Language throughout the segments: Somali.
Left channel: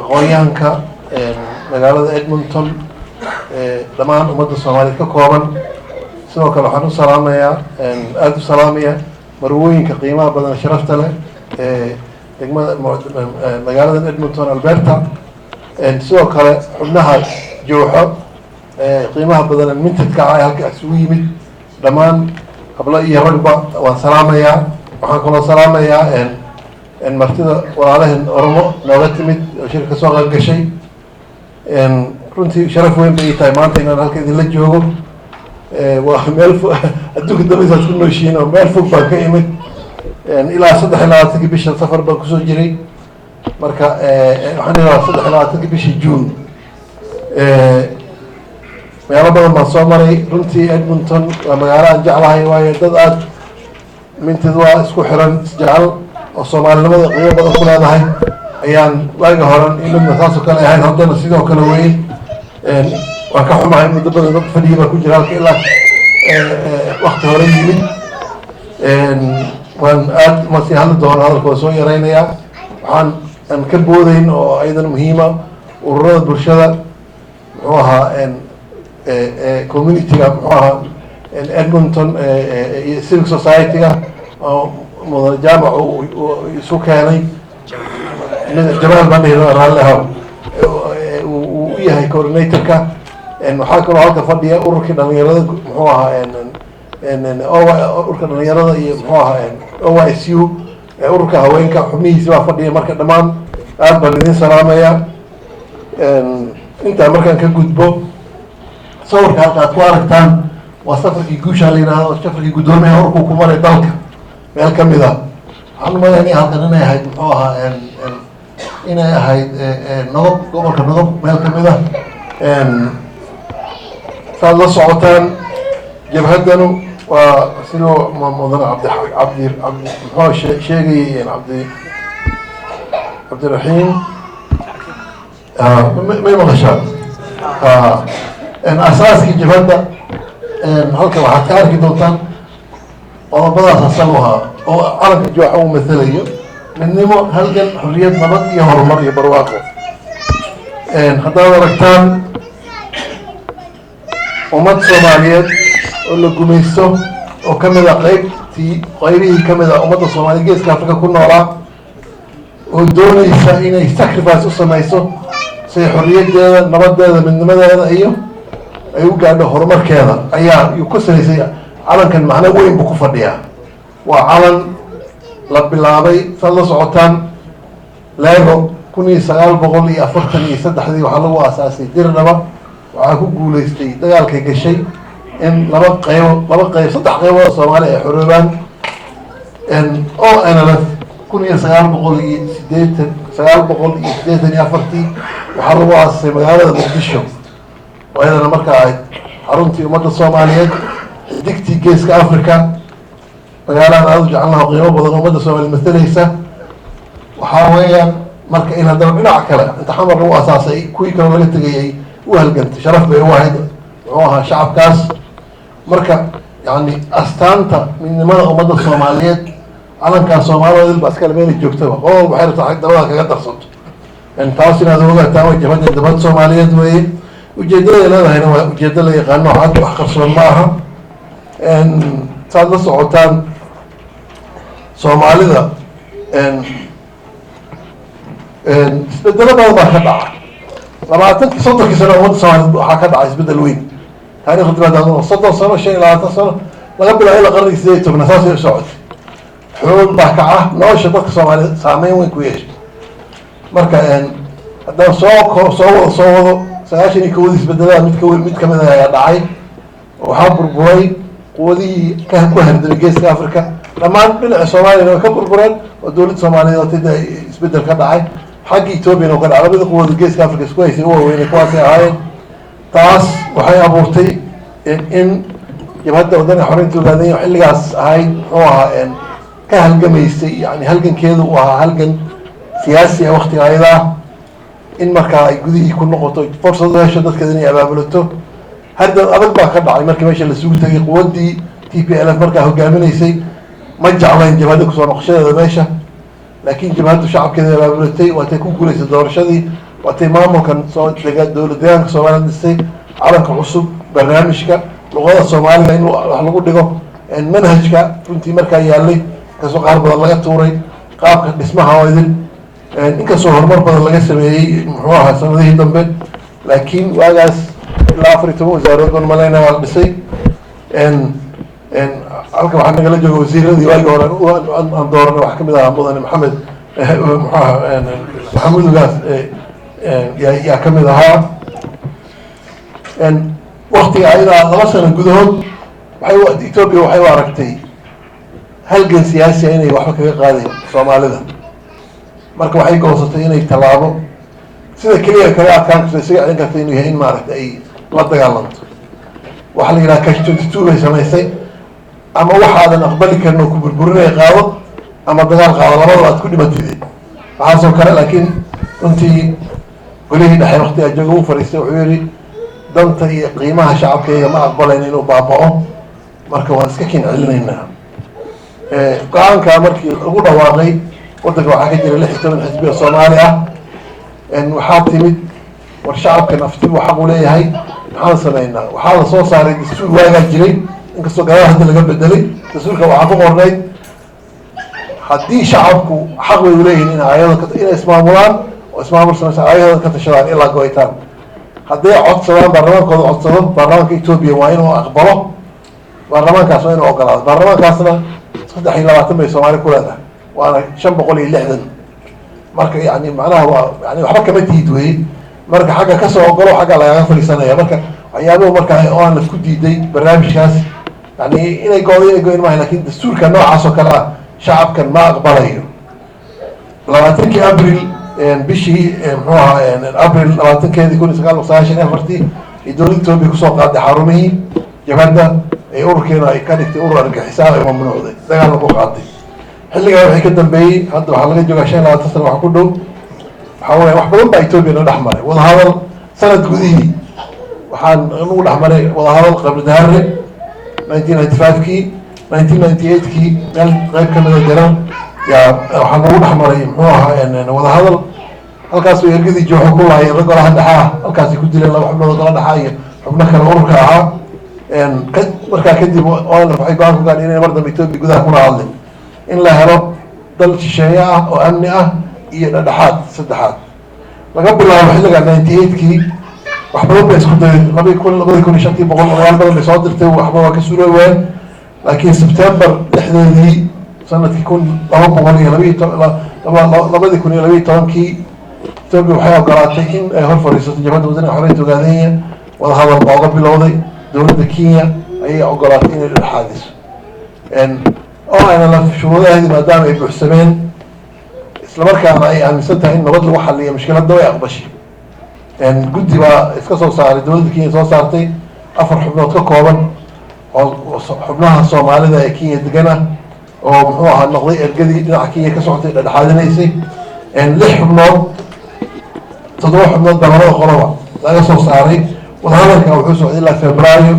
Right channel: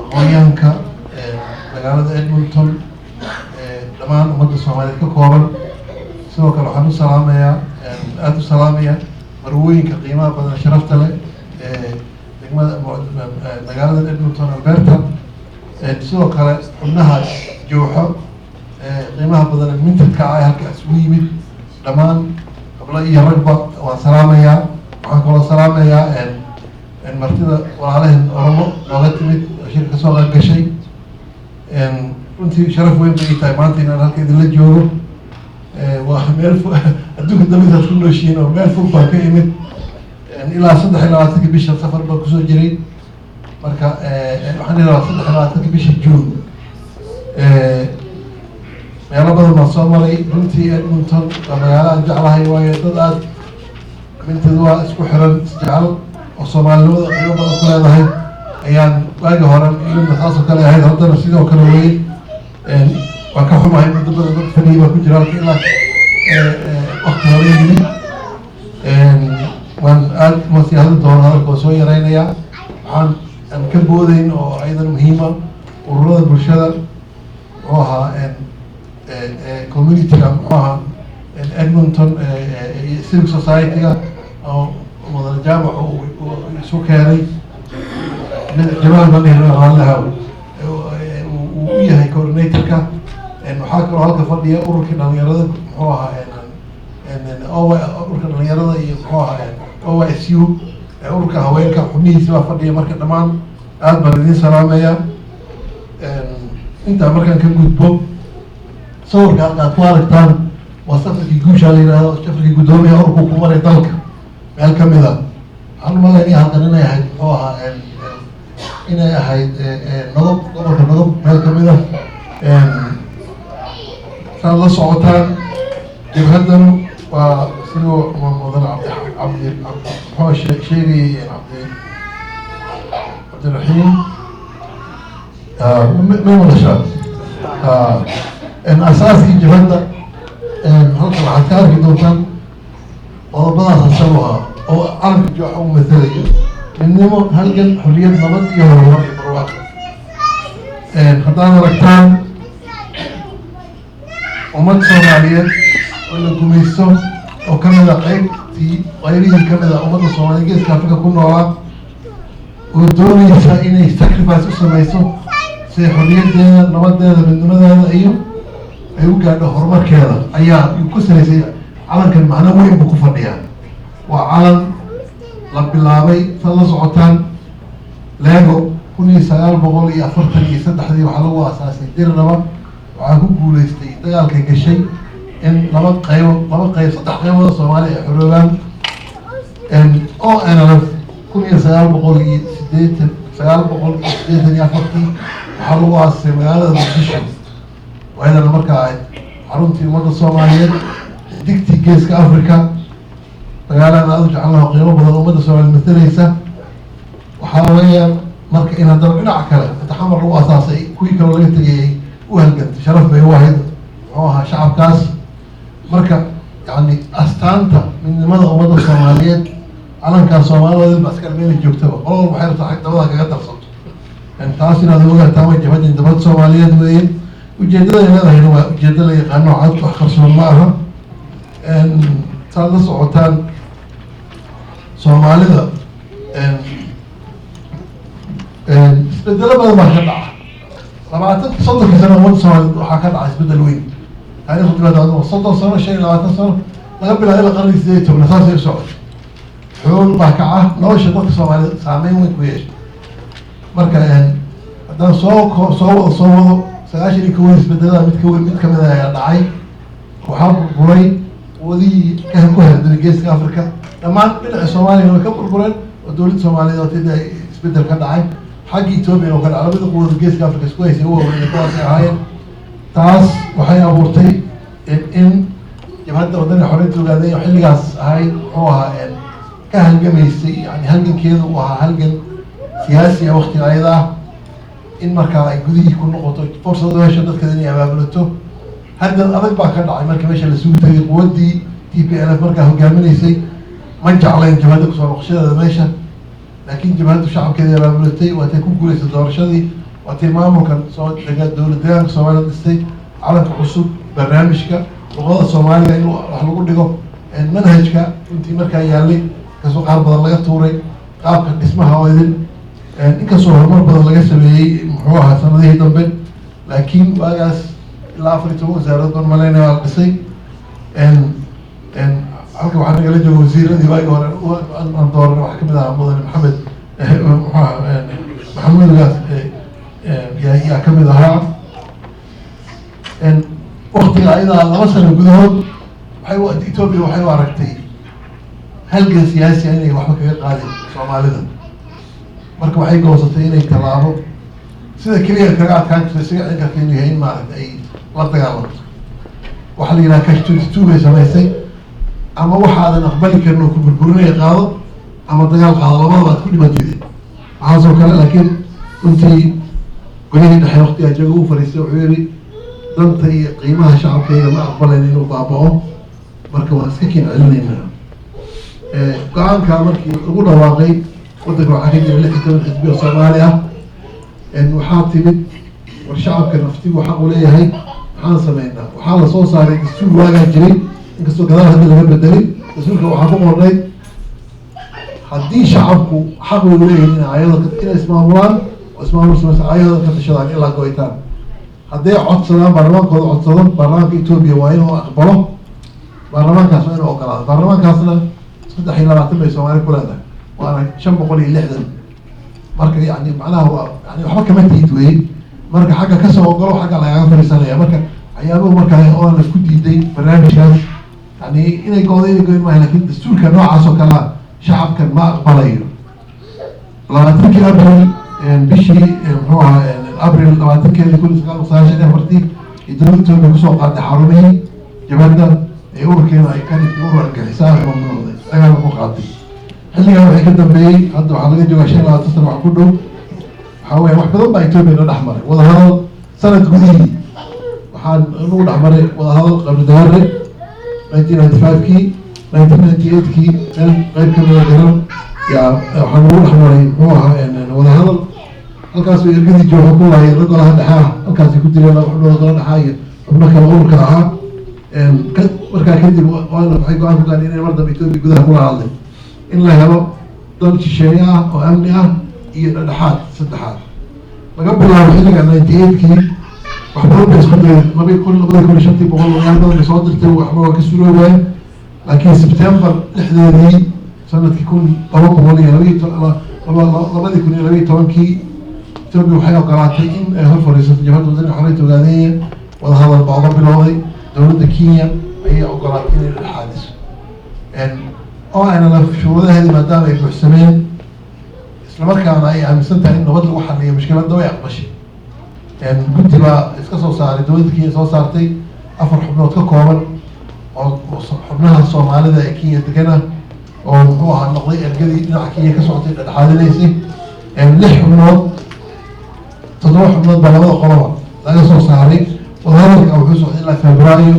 aqoonyahanka magaalada Edmonton dhammaan ummadda Soomaaliyeed ka kooban sidoo kale waxaan u salaamayaa aad u salaamaya marwooyinka qiimaha badan sharafta leh degmada magaalada Edmonton Alberta sidoo kale xubnaha jooxo qiimaha badan mintidka ah halka isugu yimid dhammaan qabla iyo ragba waan salaamayaa waxaan kaloo salaamayaa martida walaalahan Oromo nooga timid oo shirka soo qayb gashay runtii sharaf weyn bay tahay maanta inaan halka idinla joogo waa meel adduunka dawladda ku nooshiin oo meel fog baan ka imid ilaa 23 bisha safar baan kusoo jiray marka waxaan ilaa 23 bishii June meelo badan baan soo maray runtii Edmonton waa magaalo aan jeclahay waayo dad aad mintid waa isku xiran isjecel oo Soomaalinimada qiimo badan ku leedahay ayaan waaga horan inna taas oo kale ahayd haddana sidoo kale weyn waan ka xumahay muddo badan dad fadhiya ku jira halka ilaa waqti hore yimid waan aad ma sii hadli doonaa hadalkoo soo yaraynayaa waxaan ka boodayn oo aydan muhiima ururada bulshada muxuu ahaa community-ga muxuu ahaa Edmonton iyo civic society-ga oo mudane jaamac isu keenay jamaal baan dhihi raalliha uu u yahay coordinator-ka waxaa kaloo halka fadhiya ururkii dhalinyarada muxuu ahaa ururka dhalinyarada iyo muxuu ahaa OISU ururka haweenka xubnihiisa baa fadhiya marka dhammaan aad baan idin salaamayaa intaa markaan ka gudbo sawirka halka aad ku aragtaan waa safarkii guusha la yidhaahdo safarkii guddoomiyaha ururku ku maray dalka meel ka mid ah waxaan umaleynaya halkan inay ahayd muxuu ahaa inay ahayd nodob gobolka nodob meel ka mid ah saad la socotaan jabhaddanu waa sidoo mudane cabdi muxuu sheegayay cabdiraxiim may maqashaan asaaskii jabhadda halka waxaad ka arki doontaan qodobadaas asal ahaa oo calanka jooxa uu matalayo midnimo halgan xorriyad nabad iyo horumar iyo barwaaqo haddaad aragtaan ummad Soomaaliyeed oo la gumaysto oo ka mid ah qaybihii ka mid ah ummadda Soomaaliyeed geeska Afrika ku noolaa oo doonaysa inay sacrifice u samayso si xorriyaddeeda nabadeeda midnimadeeda iyo ay u gaadho horumarkeeda ayaa ku salaysay calankan macno weyn buu ku fadhiyaa waa calan la bilaabay saad la socotaan Lego 1943 waxaa lagu aasaasay Dirdhaba waxaa ku guuleystay dagaalkay gashay in saddex qaybood Soomaali ay xoroobaan oo NLF 1984 waxaa lagu aasasay magaalada Muqdisho oo iyadana markaa ahayd xaruntii ummadda Soomaaliyeed digtii geeska Afrika magaalada aad u jecelnaha qiimo badan ummadda Soomaaliyeed matalaysa waxaa weeyaan marka in haddana dhinaca kale inta xamar lagu asaasay kuwii kale laga tegayay u halgantay sharaf bay u ahayd muxuu ahaa shacabkaas marka yani astaanta midnimada ummadda Soomaaliyeed calankaa Soomaaliyeed baa iskale meel joogtaba qodol waxay rabtaa xag dabada kaga darsato taas inaad ogaataan way jabhadda dabad Soomaaliyeed weeye ujeedada leedahayna waa ujeeddo la yaqaano cad wax qarsoon ma aha saad la socotaan Soomaalida isbedelo badan baa ka dhaca 20 sano ummadda Soomaaliyeed waxaa ka dhacay isbedel weyn taariikhda dibadda 30 sano 25 sano laga bilaabo qarnigii 18 saasay u socotay xoog baa kaca nolosha dadka Soomaaliyeed saameyn weyn ku yeeshay marka haddaan soo wado 91 isbedelada mid ka mid ah ayaa dhacay waxaa burburay quwadihii ku herdamay geeska Afrika dhammaan dhinaca Soomaaliya way ka burbureen oo dowladda Soomaaliyeed oo tidda isbedel ka dhacay xagga Ethiopia oo ka dhacay labada quwad geeska Afrika isku haysay oo weyn kuwaas ay ahaayeen taas waxay abuurtay in jabhadda waddanka xorriyadda ogaadeen xilligaas ahayd oo ahaa ka halgamaysay yani halgankeedu uu ahaa halgan siyaasi ah waqtiga ayada in markaa ay gudihii ku noqoto fursad u hesho dadkeeda inay abaabulato hadda adag baa ka dhacay markii meesha la sugu tagay quwaddii TPLF markaa hogaaminaysay ma jeclayn jabhadda kusoo noqoshadeeda meesha laakiin jabhaddu shacabkeeda abaabulatay waatay ku guulaysay doorashadii waatay maamulkan soo dega dowlad deegaanka Soomaaliya dhisay calanka cusub barnaamijka luqada Soomaaliga in wax lagu dhigo manhajka runtii markaa yaalay kasoo qaar badan laga tuuray qaabka dhismaha oo idin inkastoo horumar badan laga sameeyey muxuu ahaa sanadihii dambe laakiin waagaas ilaa 14 wasaarood baan malaynaya waa la dhisay halka waxaa nagala jooga wasiiradii waagi hore aan dooranay wax kamid ahaa mudane maxamed maxamuudgaas yaa kamid ahaa waktiga ayadaa 2 sano gudahood Ethiopia waxay u aragtay halgan siyaasi inay waxba kaga qaadeen Soomaalida marka waxay goosatay inay tallaabo sida kaliya kaga adkaan kartay isaga cilin kartay inuu yahay in maaragtay ay la dagaalanto waxa la yidhaha cash 22 bay samaysay ama waxaadan aqbali karin oo ku burburinaya qaado ama dagaal qaado labadaba aad ku dhimatid waxaasoo kale laakiin runtii golihii dhexe waqtigaa jooga u fadhiistay wuxuu yidhi danta iyo qiimaha shacabkayga ma aqbalayn inuu baaba'o marka waan iska kin celinaynaa go-aanka markii lagu dhawaaqay waddanka waxaa ka jira 16 xisbi oo Soomaali ah waxaa timid war shacabka nafti uu xaq u leeyahay maxaan sameynaa waxaa la soo saaray dastuur waagaa jiray inkastoo gadaal hadda laga bedelay dastuurka waxaa ku qornay haddii shacabku xaq bay u leeyihiin inay ismaamulaan oo ismaamul samaysan ayadooda ka tashadaan ilaa go-itaan hadday codsadaan baarlamaankooda codsado baarlamaanka Ethiopia waa inuu aqbalo baarlamaankaas waa inuu ogolaado baarlamaankaasna 23 bay Soomaali ku leedahay waana 560 marka yani macnaha waa yani waxba kama tiid weeye marka xagga kasoo ogolo xagga lagaga fadhiisanaya marka waxyaabahu marka oo aan la ku diiday barnaamijkaas yani inay go'in maaha laakiin dastuurka noocaas oo kale ah shacabkan ma aqbalayo 20 Abril bishii muxuu ahaa Abril 20keedii 1994 dowladda Ethiopia kusoo qaaday xarumihii jabhadda ay ururkeena ay ka dhigtay urur argagixisaha ay mamnuucday dagaal ku qaatay xilligaa waxay ka dambeeyey hadda waxaa laga joogaa 25 sano wax ku dhow waxaa weeye wax badan baa Ethiopia na dhex maray wadahadal sanad gudihii waxaan nagu dhex maray wadahadal qabri daare 1995kii 1998kii meel qayb kamida jiran yaa waxaa nagu dhex maray muxuu ahaa wadahadal halkaas ergadii jooxa ku laayeen rag golaha dhexaa halkaasay ku jireen laba xubnood golaha dhexaa iyo xubno kale ururka ahaa markaa kadib waxay go-aan ku gaadheen inay mar dambe Ethiopia gudaha kula hadleen in la helo dal shisheeye ah oo amni ah iyo dhexdhexaad saddexaad laga bilaabo xilliga 98kii wax badan bay isku dayeen 2005 boqolaal badan bay soo dirtay waxba waa ka suuroobeen laakiin September 6deedii sanadkii 2012kii Ethiopia waxay ogolaatay in ay hor fadhiisato jabhadda waddanka xorriyadda Ogaadenya wadahadal baa uga bilowday dowladda Kenya ayay ogolaatay inay dhexdhexaadiso oo ayna la shuruudaheedii maadaama ay buuxsameen isla markaana ay aaminsan tahay in nabad lagu xalliyo mushkiladda way aqbashay guddi baa iska soo saaray dowladda Kenya soo saartay 4 xubnood ka kooban oo xubnaha Soomaalida ee Kenya degana oo muxuu ahaa noqday ergadii dhinaca Kenya ka socotay dhexdhexaadinaysay 6 xubnood 7 xubnood baa labada qoloba laga soo saaray wadahadalka wuxuu socday ilaa Febraayo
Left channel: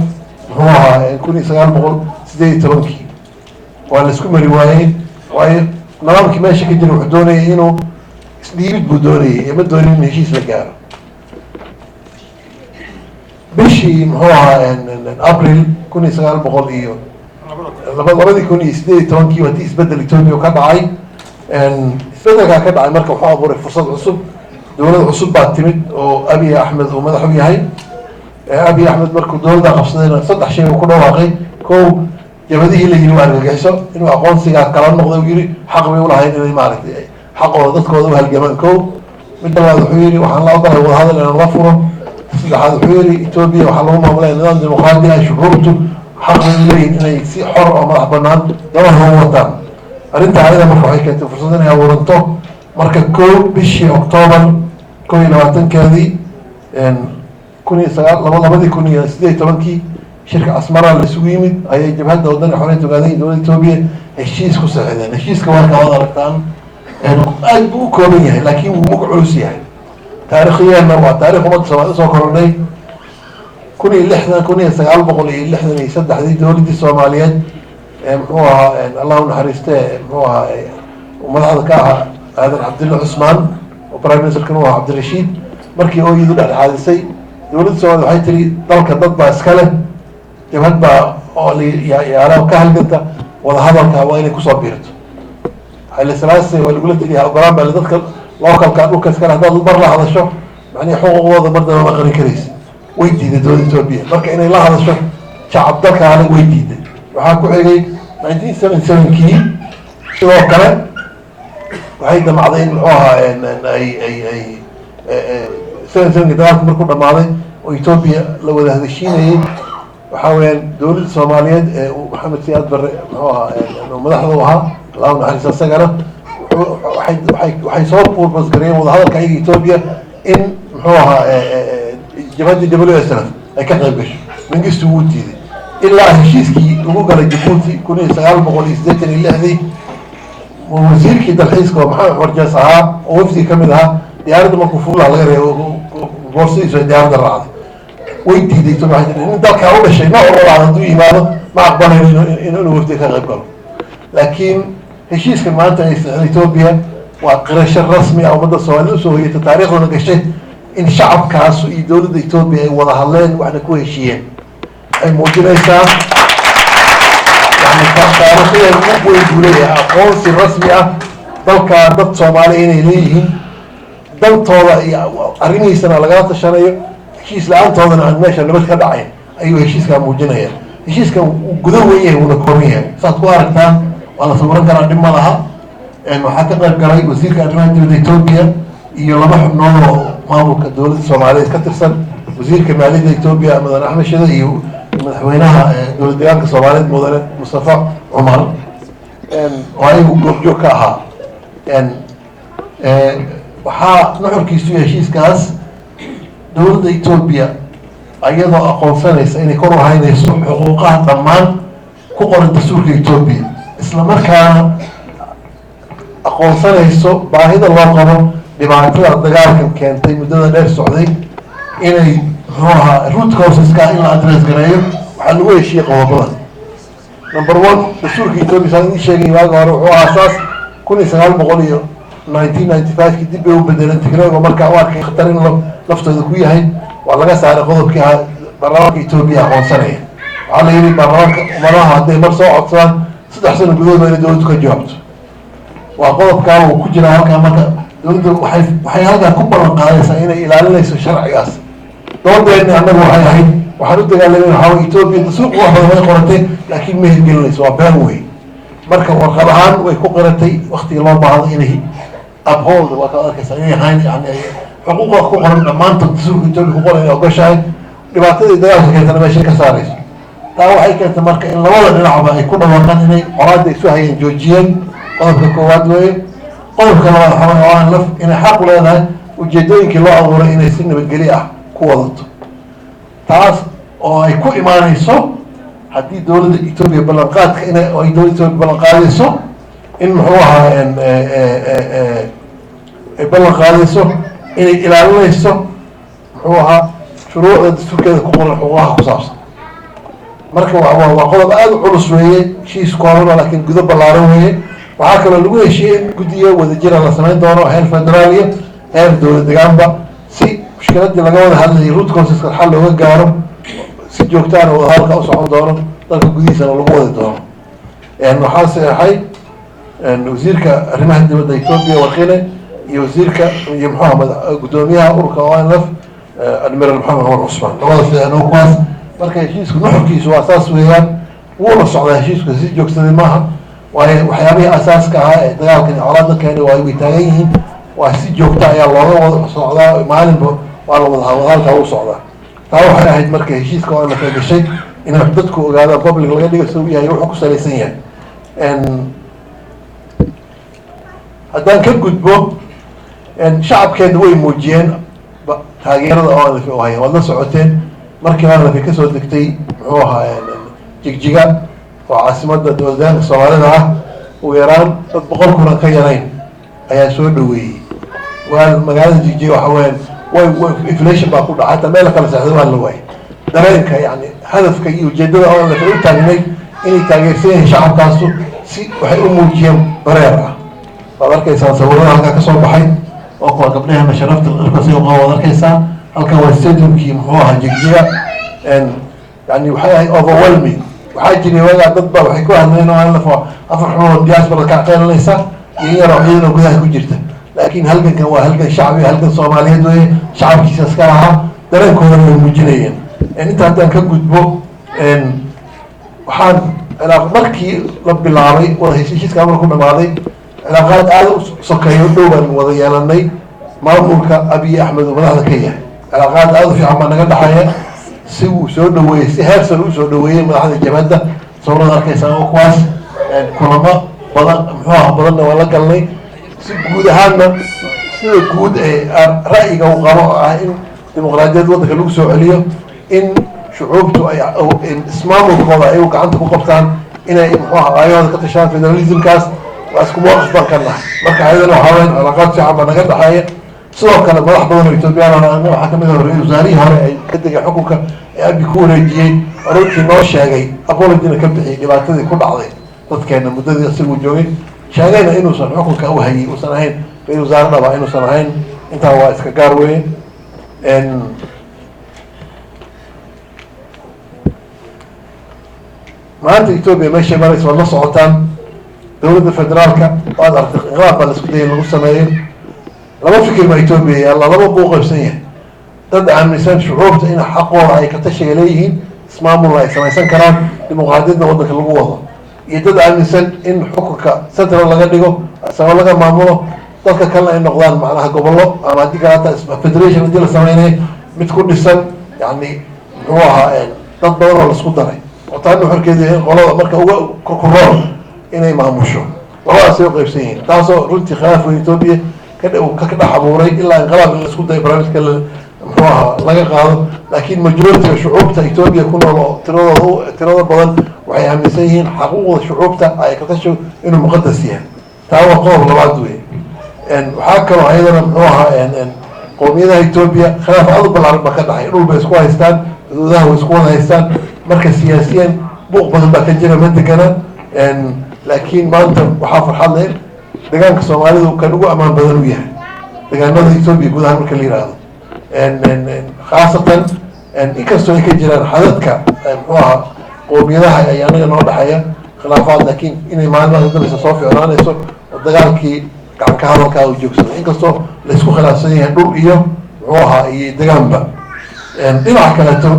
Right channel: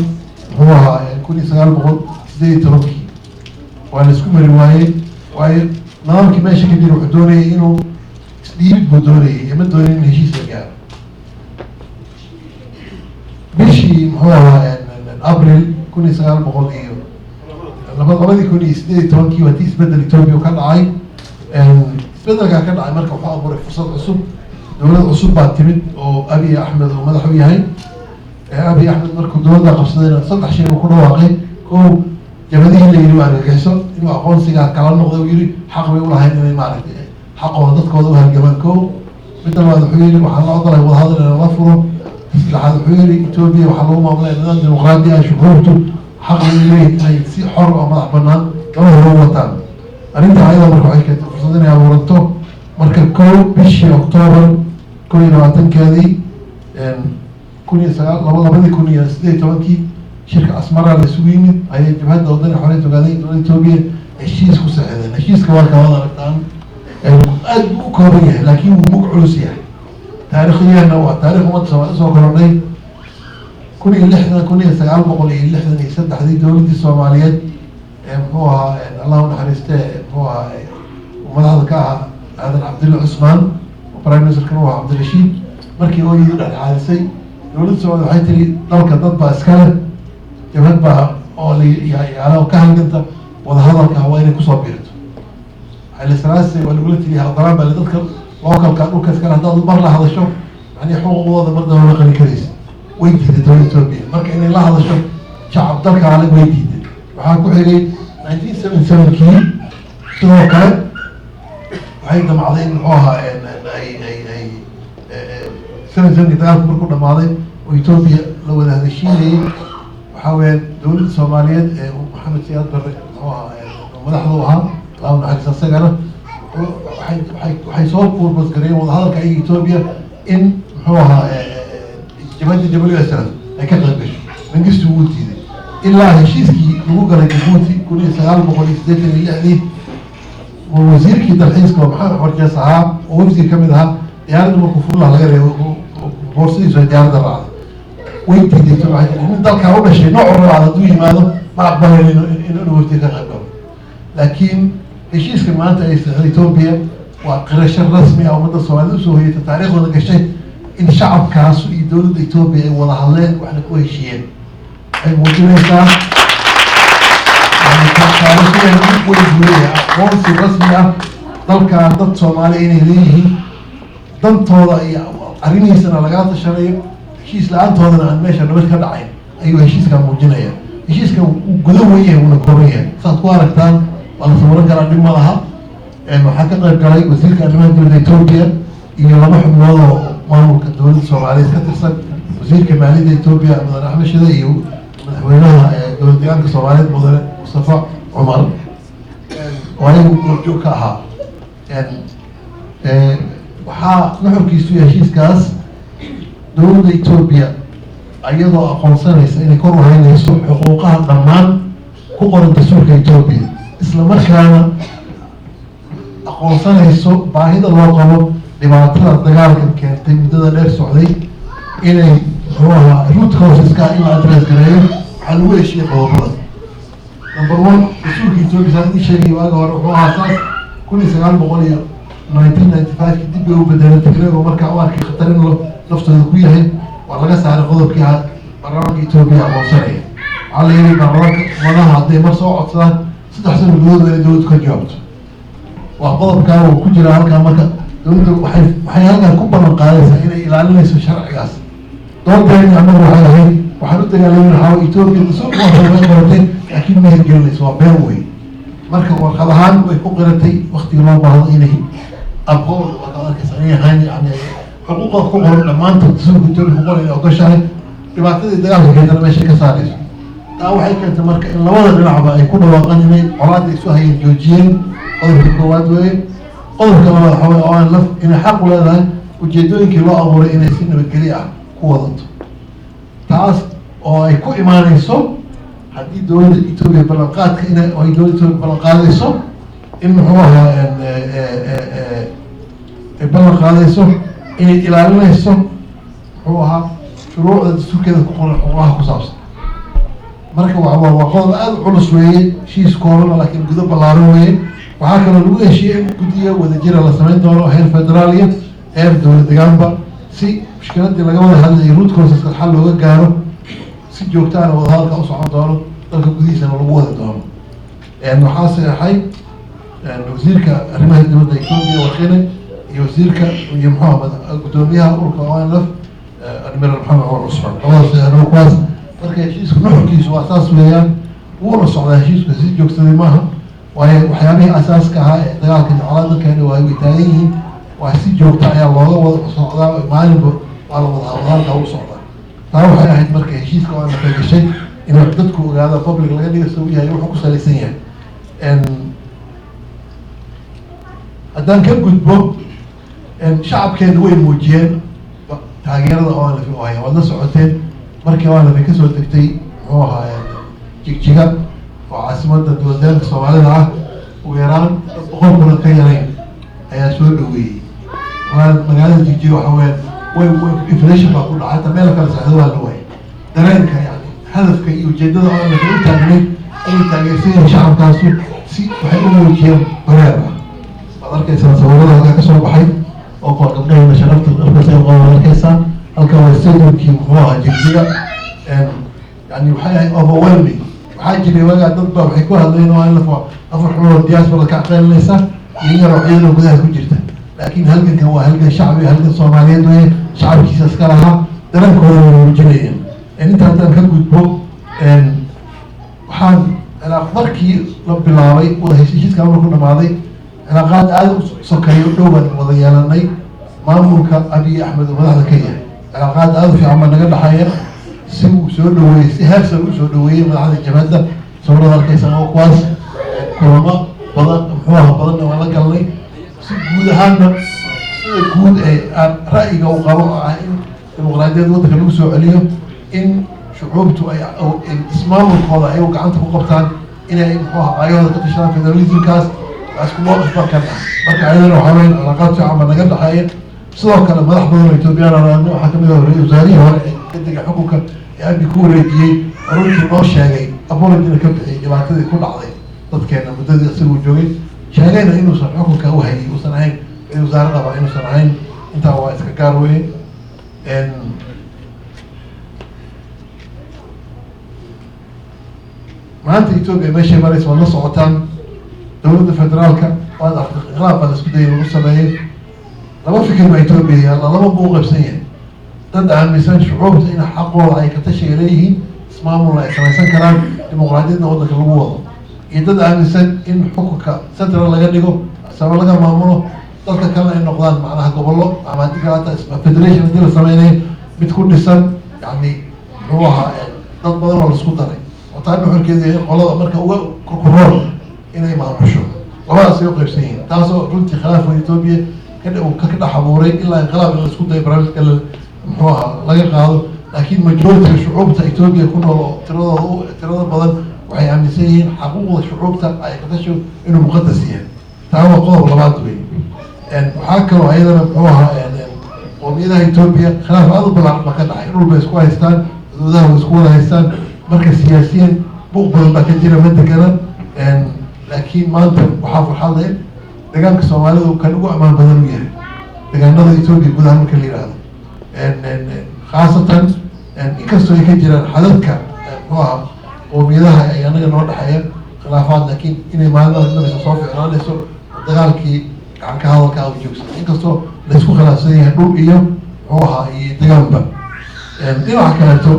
muxuu ahaa 1918 waa la isku mari waayey waayo nidaamkii meesha ka jira wuxuu doonayay inuu isdhiibid buu doonayay ima doonin in heshiis la gaaro bishii muxuu ahaa Abril 1900 iyo 2018kii waa tii isbedel Ethiopia ka dhacay isbedelkaa ka dhacay marka wuxuu abuuray fursad cusub dowlad cusub baa timid oo Abiy Ahmed uu madax u yahay Abiy Ahmed markuu dowladda qabsadayna 3 shay uu ku dhawaaqay kow jabadihii la yiri waa argagixiso inuu aqoonsiga kala noqday uu yiri xaq bay u lahayd inay maaragtay xaqooda dadkooda u halgamaan kow mid labaad wuxuu yiri waxaan la ogolay wadahadal inaan la furo saddexaad wuxuu yiri Ethiopia waxaa lagu maamulay nidaam dimuqraadi ah shuruurtu xaq ay leeyihiin inay si xor oo madax bannaan laba hor wataan arrintaa ayada marka waxay keentay fursad inay abuuranto marka kow bishii Oktoobar 2020keedii 2018kii shirka Asmara la isugu yimid ayay jabhadda waddanka xorriyadda Ogaadenya dowladda Ethiopia heshiis ku saxiixdeen heshiiska waa kala aragtaan aad buu u kooban yahay laakiin wuu mug culus yahay taariikhiyanna waa taariikh ummadda Soomaaliya soo koronay 1963 dowladdii Soomaaliyeed muxuu ahaa Allah u naxariistee muxuu ahaa madaxda ka aadan cabdilla cusmaan oo prime ministerkan u ahaa cabdirashiid markii ooyadii dhexdhexaadisay dowladda Soomaaliya waxay tiri dalka dad baa iska leh jabhad baa oo yaala ka halganta wada hadalka waa inay kusoo biirto Haile Selassie waa lagula taliyaa ogolaan baa dadka localka dhulka iska leh haddaad mar la hadasho macnii xuquuqooda mardaba ma qarin karaysa way diiday dowladda Itoobiya marka inay la hadasho shacab dalkaana way diiday waxaa ku xigay 1977kii sidoo kale waxay damacday in muxuu ahaa ay 77kii dagaalku markuu dhammaaday oo Itoobiya la wada hadashiinayay waxaa weeyaan dowladda Soomaaliyeed ee Maxamed Siyaad Barre muxuu ahaa madaxda u ahaa Allahu naxariisto isagana waxay soo fuulbasgareeyeen wada hadalka ayaga Itoobiya in muxuu ahaa jabhadii WSLF ay ka qayb gasho Mengistu wuu diiday ilaa heshiiskii lagu galay Djibouti 1986 wasiirkii dalxiiska oo maxamed warjaas ahaa oo wafdi ka mid ahaa diyaaradda markuu fuulaha laga reebo boorsidiisu ay diyaaradda raacday way diiday nin dalkaa u dhashay nooc walba hadduu yimaado ma aqbalayn inuu wafdi ka qayb galo laakiin heshiiska maanta ay saxday Itoobiya waa qirasho rasmi ah ummadda Soomaaliya usoo hoyatay taariikhdana gashay in shacabkaas iyo dowladda Itoobiya ay wada hadleen waxna ku heshiiyeen ay muujinaysaa يعني taariikhda ugu weyn buu leeyahay aqoonsi rasmi ah dalka dad Soomaali inay leeyihiin dantooda iyo arrimihiisana lagala tashanayo heshiis la-aantoodana aan meesha nabad ka dhacayn ayuu heshiiskaa muujinaya heshiiskan uu guda weyn yahay wuuna kooban yahay saad ku aragtaan waa la sawiran karaa dhib ma laha waxaa ka qayb galay wasiirka arrimaha dibadda Itoobiya iyo laba xubnood oo maamulka dowladda Soomaaliyeed ka tirsan wasiirka maaliyadda Itoobiya Mudane Axmed Shide iyo madaxweynaha dowlad deegaanka Soomaaliyeed Mudane Mustafa Cumar oo ayagu goobjoog ka ahaa waxaa nuxurkiisu heshiiskaas dowladda Itoobiya ayadoo aqoonsanaysa inay kor u haynayso xuquuqaha dhammaan ku qoran dastuurka Itoobiya isla markaana aqoonsanayso baahida loo qabo dhibaatada dagaalkan keentay muddada dheer socday inay root causeska in la address gareeyo waxaa lagu heshiiyey qodobada number 1 dastuurka Itoobiya saan idin sheegay waaga hore wuxuu aasaas 1995 dib bay u bedeleen Tigreego markaa u arkay khatar in naftooda ku yahay waa laga saaray qodobkii baarlamaanka Itoobiya aqoonsanaya waxaa la yidhi baarlamaanka umadaha hadday mar soo codsadaan 3 sano gudahood waa inay dowladdu ka jawaabto waa qodobkaa uu ku jira halkaa marka dowladdu waxay halkaa ku ballan qaadaysaa inay ilaalinayso sharcigaas doodeedna annagu waxay ahayd waxaan u dagaalamay waxaa Itoobiya dastuurka wax badan way qoratay laakiin ma hirgelinayso waa been weyn marka warqad ahaan way ku qiratay waqtigii loo baahdo inay uphold waa ka arkaysaa inay ahayn yani xuquuqda ku qoran dhammaantood dastuurka Itoobiya ku qoran inay ogoshahay dhibaatadii dagaalka keentana meeshay ka saarayso taa waxay keentay marka in labada dhinacba ay ku dhawaaqaan inay colaadda isu hayeen joojiyeen qodobka koowaad weeye qodobka labaad waxaa weeye oo aan laf inay xaq u leedahay ujeedooyinkii loo abuuray inay si nabadgelyo ah ku wadato taas oo ay ku imaanayso haddii dowladda Itoobiya ballanqaadka inay ay dowladda Itoobiya ballanqaadayso in muxuu ahaa ay ballanqaadayso inay ilaalinayso muxuu ahaa shuruucda dastuurkeeda ku qoran xuquuqaha ku saabsan marka waa qodob aad u culus weeye heshiis kooban laakiin gudo ballaaran weeye waxaa kaloo lagu heshiiyey in guddiyo wadajira la samayn doono heer federaal iyo heer dowlad deegaanba si mushkiladii laga wada hadlayay root causeska xal looga gaaro si joogtaana wada hadalka u socon doono dalka gudihiisana lagu wadi doono waxaa saxay wasiirka arrimaha dibadda Itoobiya Warqine iyo wasiirka iyo Maxamed gudoomiyaha ururka ONLF Admiral Maxamed Umar Cusmaan labada fiicnaa kuwaas marka heshiisku nuxurkiisu waa saas weeyaan wuuna socdaa heshiisku si joogsaday maaha waayo waxyaabihii asaaska ahaa ee dagaalkan colaadda keenay waa ay taagan yihiin waa si joogta ayaa looga wada socdaa maalinba waa la wada hadalka u socdaa taa waxay ahayd marka heshiiska oo la gashay in dadku ogaadaan public laga dhigo soo yahay wuxuu ku salaysan yahay haddaan ka gudbo shacabkeeda way muujiyeen taageerada ONLF oo hayeen waad la socoteen markii ONLF kasoo degtay muxuu ahaa jigjiga oo caasimadda dowladda Soomaalida ah ugu yaraan dad 100 kun ka yarayn ayaa soo dhaweeyay waa magaalada jigjiga waxa weyn way inflation baa ku dhacay meel kala saacdo waa la waayay dareenka yani hadafka iyo ujeedada ONLF u taagnay inay taageersan shacabkaasu si waxay u muujiyeen bareer ah arkaysaa sawirada halkaa kasoo baxay oo kuwa gabdhaheena sharafta dharkasi uqa waad arkaysaa halkan waa stadiumkii muxuu ahaa jigjiga yani waxay ahayd overwhelming waxaa jiray wagaa dad baa waxay ku hadleen oo aan lafo afar xumood diaspora ka qeylanaysa iyo in yaroo ciidan oo gudaha ku jirta laakiin halgankan waa halgan shacbi halgan soomaaliyeed weye shacabkiisa iska lahaa dareenkooda way muujinayeen inta haddaan ka gudbo waxaan markii la bilaabay wada heshiiska marku dhamaaday cilaaqaad aada u sokeeyo dhow baan wada yeelanay maamulka abiy axmed oo madaxda ka yahay cilaaqaad aada u fiican baa naga dhexeeya si uu soo dhaweeyey si heersan u soo dhaweeyey madaxda jabhadda sawirada arkaysaa oo kuwaas kulamo badan muxuu aha badanna waa la galnay si guud ahaanna sida guud ee ra'yiga u qabo oo ah in dimuqraadiyad waddanka lagu soo celiyo in shucuubtu ay ismaamulkooda ay gacanta ku qabtaan inay muxuu aha aayahooda ka tashaan federalismkaas waa isku mowqif baan ka nahay marka ayadana waxaa weyn cilaaqaad fiican baa naga dhexeeya sidoo kale madax badan oo ethoobiyan waxaa kamid ah wasaarihii hore ay ka degay xukunka ee abi ku wareejiyey runtii noo sheegay apologina ka bixiyay dhibaatadii ku dhacday dadkeena muddadii isagu joogay sheegayna inuusan xukunka u hayay uusan ahayn ra-isul wasaaradaba inuusan ahayn intaa waa iska gaar weye maanta etoobiya meeshay maraysa waad la socotaan dowladda federaalka waad aragtay inqilaab baa la isku dayay lagu sameeyo laba fikir baa etoobiya yaalla laba buu qaybsan yahay dad aaminsan shucuubta in xaqooda ay ka tashiga leeyihiin ismaamulna ay samaysan karaan dimuqraadiyadna waddanka lagu wado iyo dad aaminsan in xukunka central laga dhigo sama laga maamulo dadka kalena ay noqdaan macnaha gobollo ama haddii kaleata federation haddii la sameynaya mid ku dhisan yani muxuu ahaa dad badan oo laisku daray oo taana xorkeeda in qolada marka uga korkorool inay maamusho labadaasay u qaybsan yihiin taasoo runtii khilaaf weyn etoobiya ka dhex abuuray ilaa inqilaab in la isku dayo barnaamijka muxuu ahaa laga qaado laakiin majoritiga shucuubta etoobiya ku nool oo tirada badan waxay aaminsan yihiin xaquuqda shucuubta ay ka tasho inuu muqadas yahay taa waa qodob labaad wey waxaa kaloo ayadana muxuu ahaa qowmiyadaha etoobiya khilaaf aad u balaaran ba ka dhacay dhul bay isku haystaan xuduudaha way isku wada haystaan marka siyaasiyan buuq badan baa ka jira ma degana laakiin maanta waxaa farxad leh deegaanka soomaalidu kan ugu ammaan badan u yahay deegaanada etoobiya guud ahaan marka la yihahdo khaasatan inkastoo ay ka jiraan xadadka muxuu ahaa qowmiyadaha ay anaga noo dhexeeya khilaafaad laakiin inay maalmaha dambaysa soo ficnaanayso oo dagaalkii gacan ka hadalkaa u joogsado inkastoo laysku khilaafsan yahay dhul iyo muxuu ahaa iyo degaanba dhinaca kaleeto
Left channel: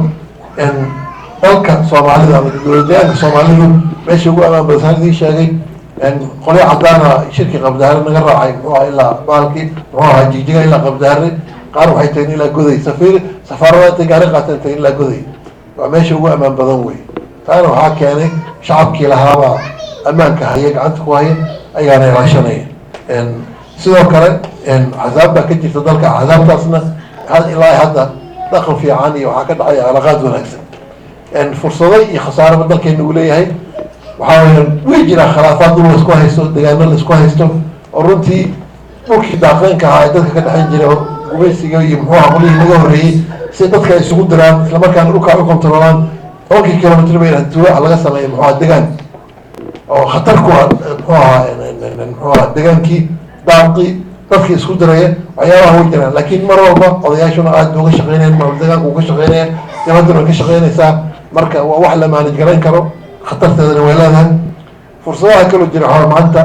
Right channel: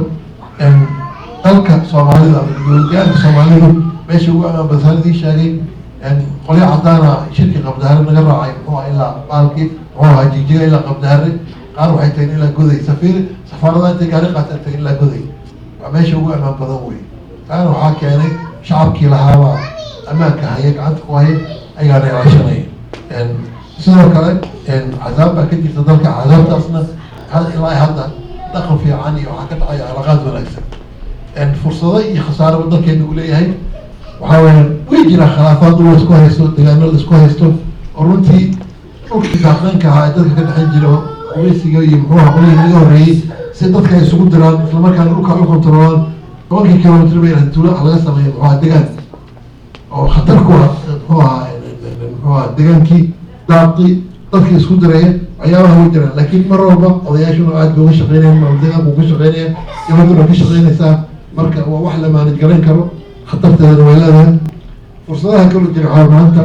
dalka soomaalida ama deegaanka soomaalidu meesha ugu amaan badasaan idiin sheegay qolyo cadaana shirkii qabdaare naga raacay muxuu aha ilaa baalkii muxuu ahaa jigjiga ilaa qabdaare qaar waxay tageen ilaa goday safaarada intay gaari qaateen tageen ilaa goday waa meesha ugu amaan badan wey taana waxaa keenay shacabkii lahaabaa ammaanka haya gacanta ku haya ayaana ilaashanaya sidoo kale axzaab baa ka jirta dalka axzaabtaasna ilaa hadda dhaqan fiican iyo waxaa ka dhacaya cilaaqaad wanaagsan fursado iyo khasaaraba dalkeena uu leeyahay waxaa weya way jiraan khilaafaad dhul laisku haysto degaano laisku haysto oo runtii dhulkii daaqeynka ahaa ee dadka ka dhexeyn jira gumaysiga iyo muxuu aha qolihii laga horreeyey si dadka ay isugu diraan islamarkaana dhulkaa u kontaroolaan 10 kilomitr bay tuula laga sameeya muxuu aha degaan oo khatar ku ah muxuu ahaa degaankii daaqi dadkii isku diraya waxyaabaha way jiraan laakiin mar walba odayaashuna aad bay uga shaqeynayaan maamul deegaanka uga shaqeynaya jabadduna way ka shaqeynaysaa marka waa wax la maanij galayn karo khatarteedana way leedahay fursadaha kaloo jira waxaa maanta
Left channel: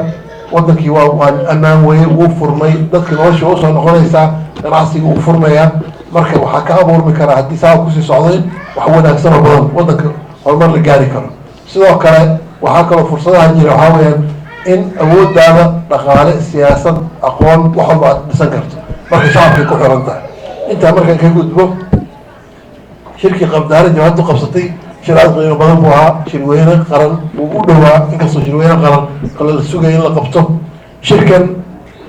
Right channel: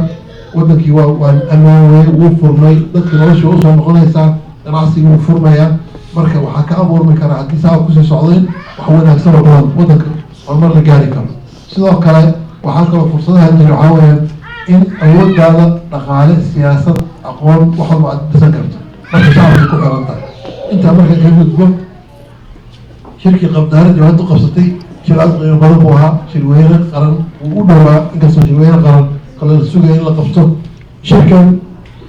wadankii waa ammaan weye wuu furmay dadka nolosha waa usoo noqonaysaa ganacsiga wuu furmayaa marka waxaa ka abuurmi karaa haddii saa kusii socdayn wax wanaagsan oo badan wadanka horumar la gaari karo sidoo kale waxaa kaloo fursadaha jira waxaa weyaan in awoodaada dhaqaale siyaasad aqoon wax walba aad dhisan karto marka shacabkay ku xiran tahay intaa marka ka gudbo shirkii qabdaare jabhaddu qabsatay shir aad qiimo badan buu ahaa shirweyne qaran wuu u dhowaa inkastoo shirweyne qaran kale la sugaya in la qabto shirkan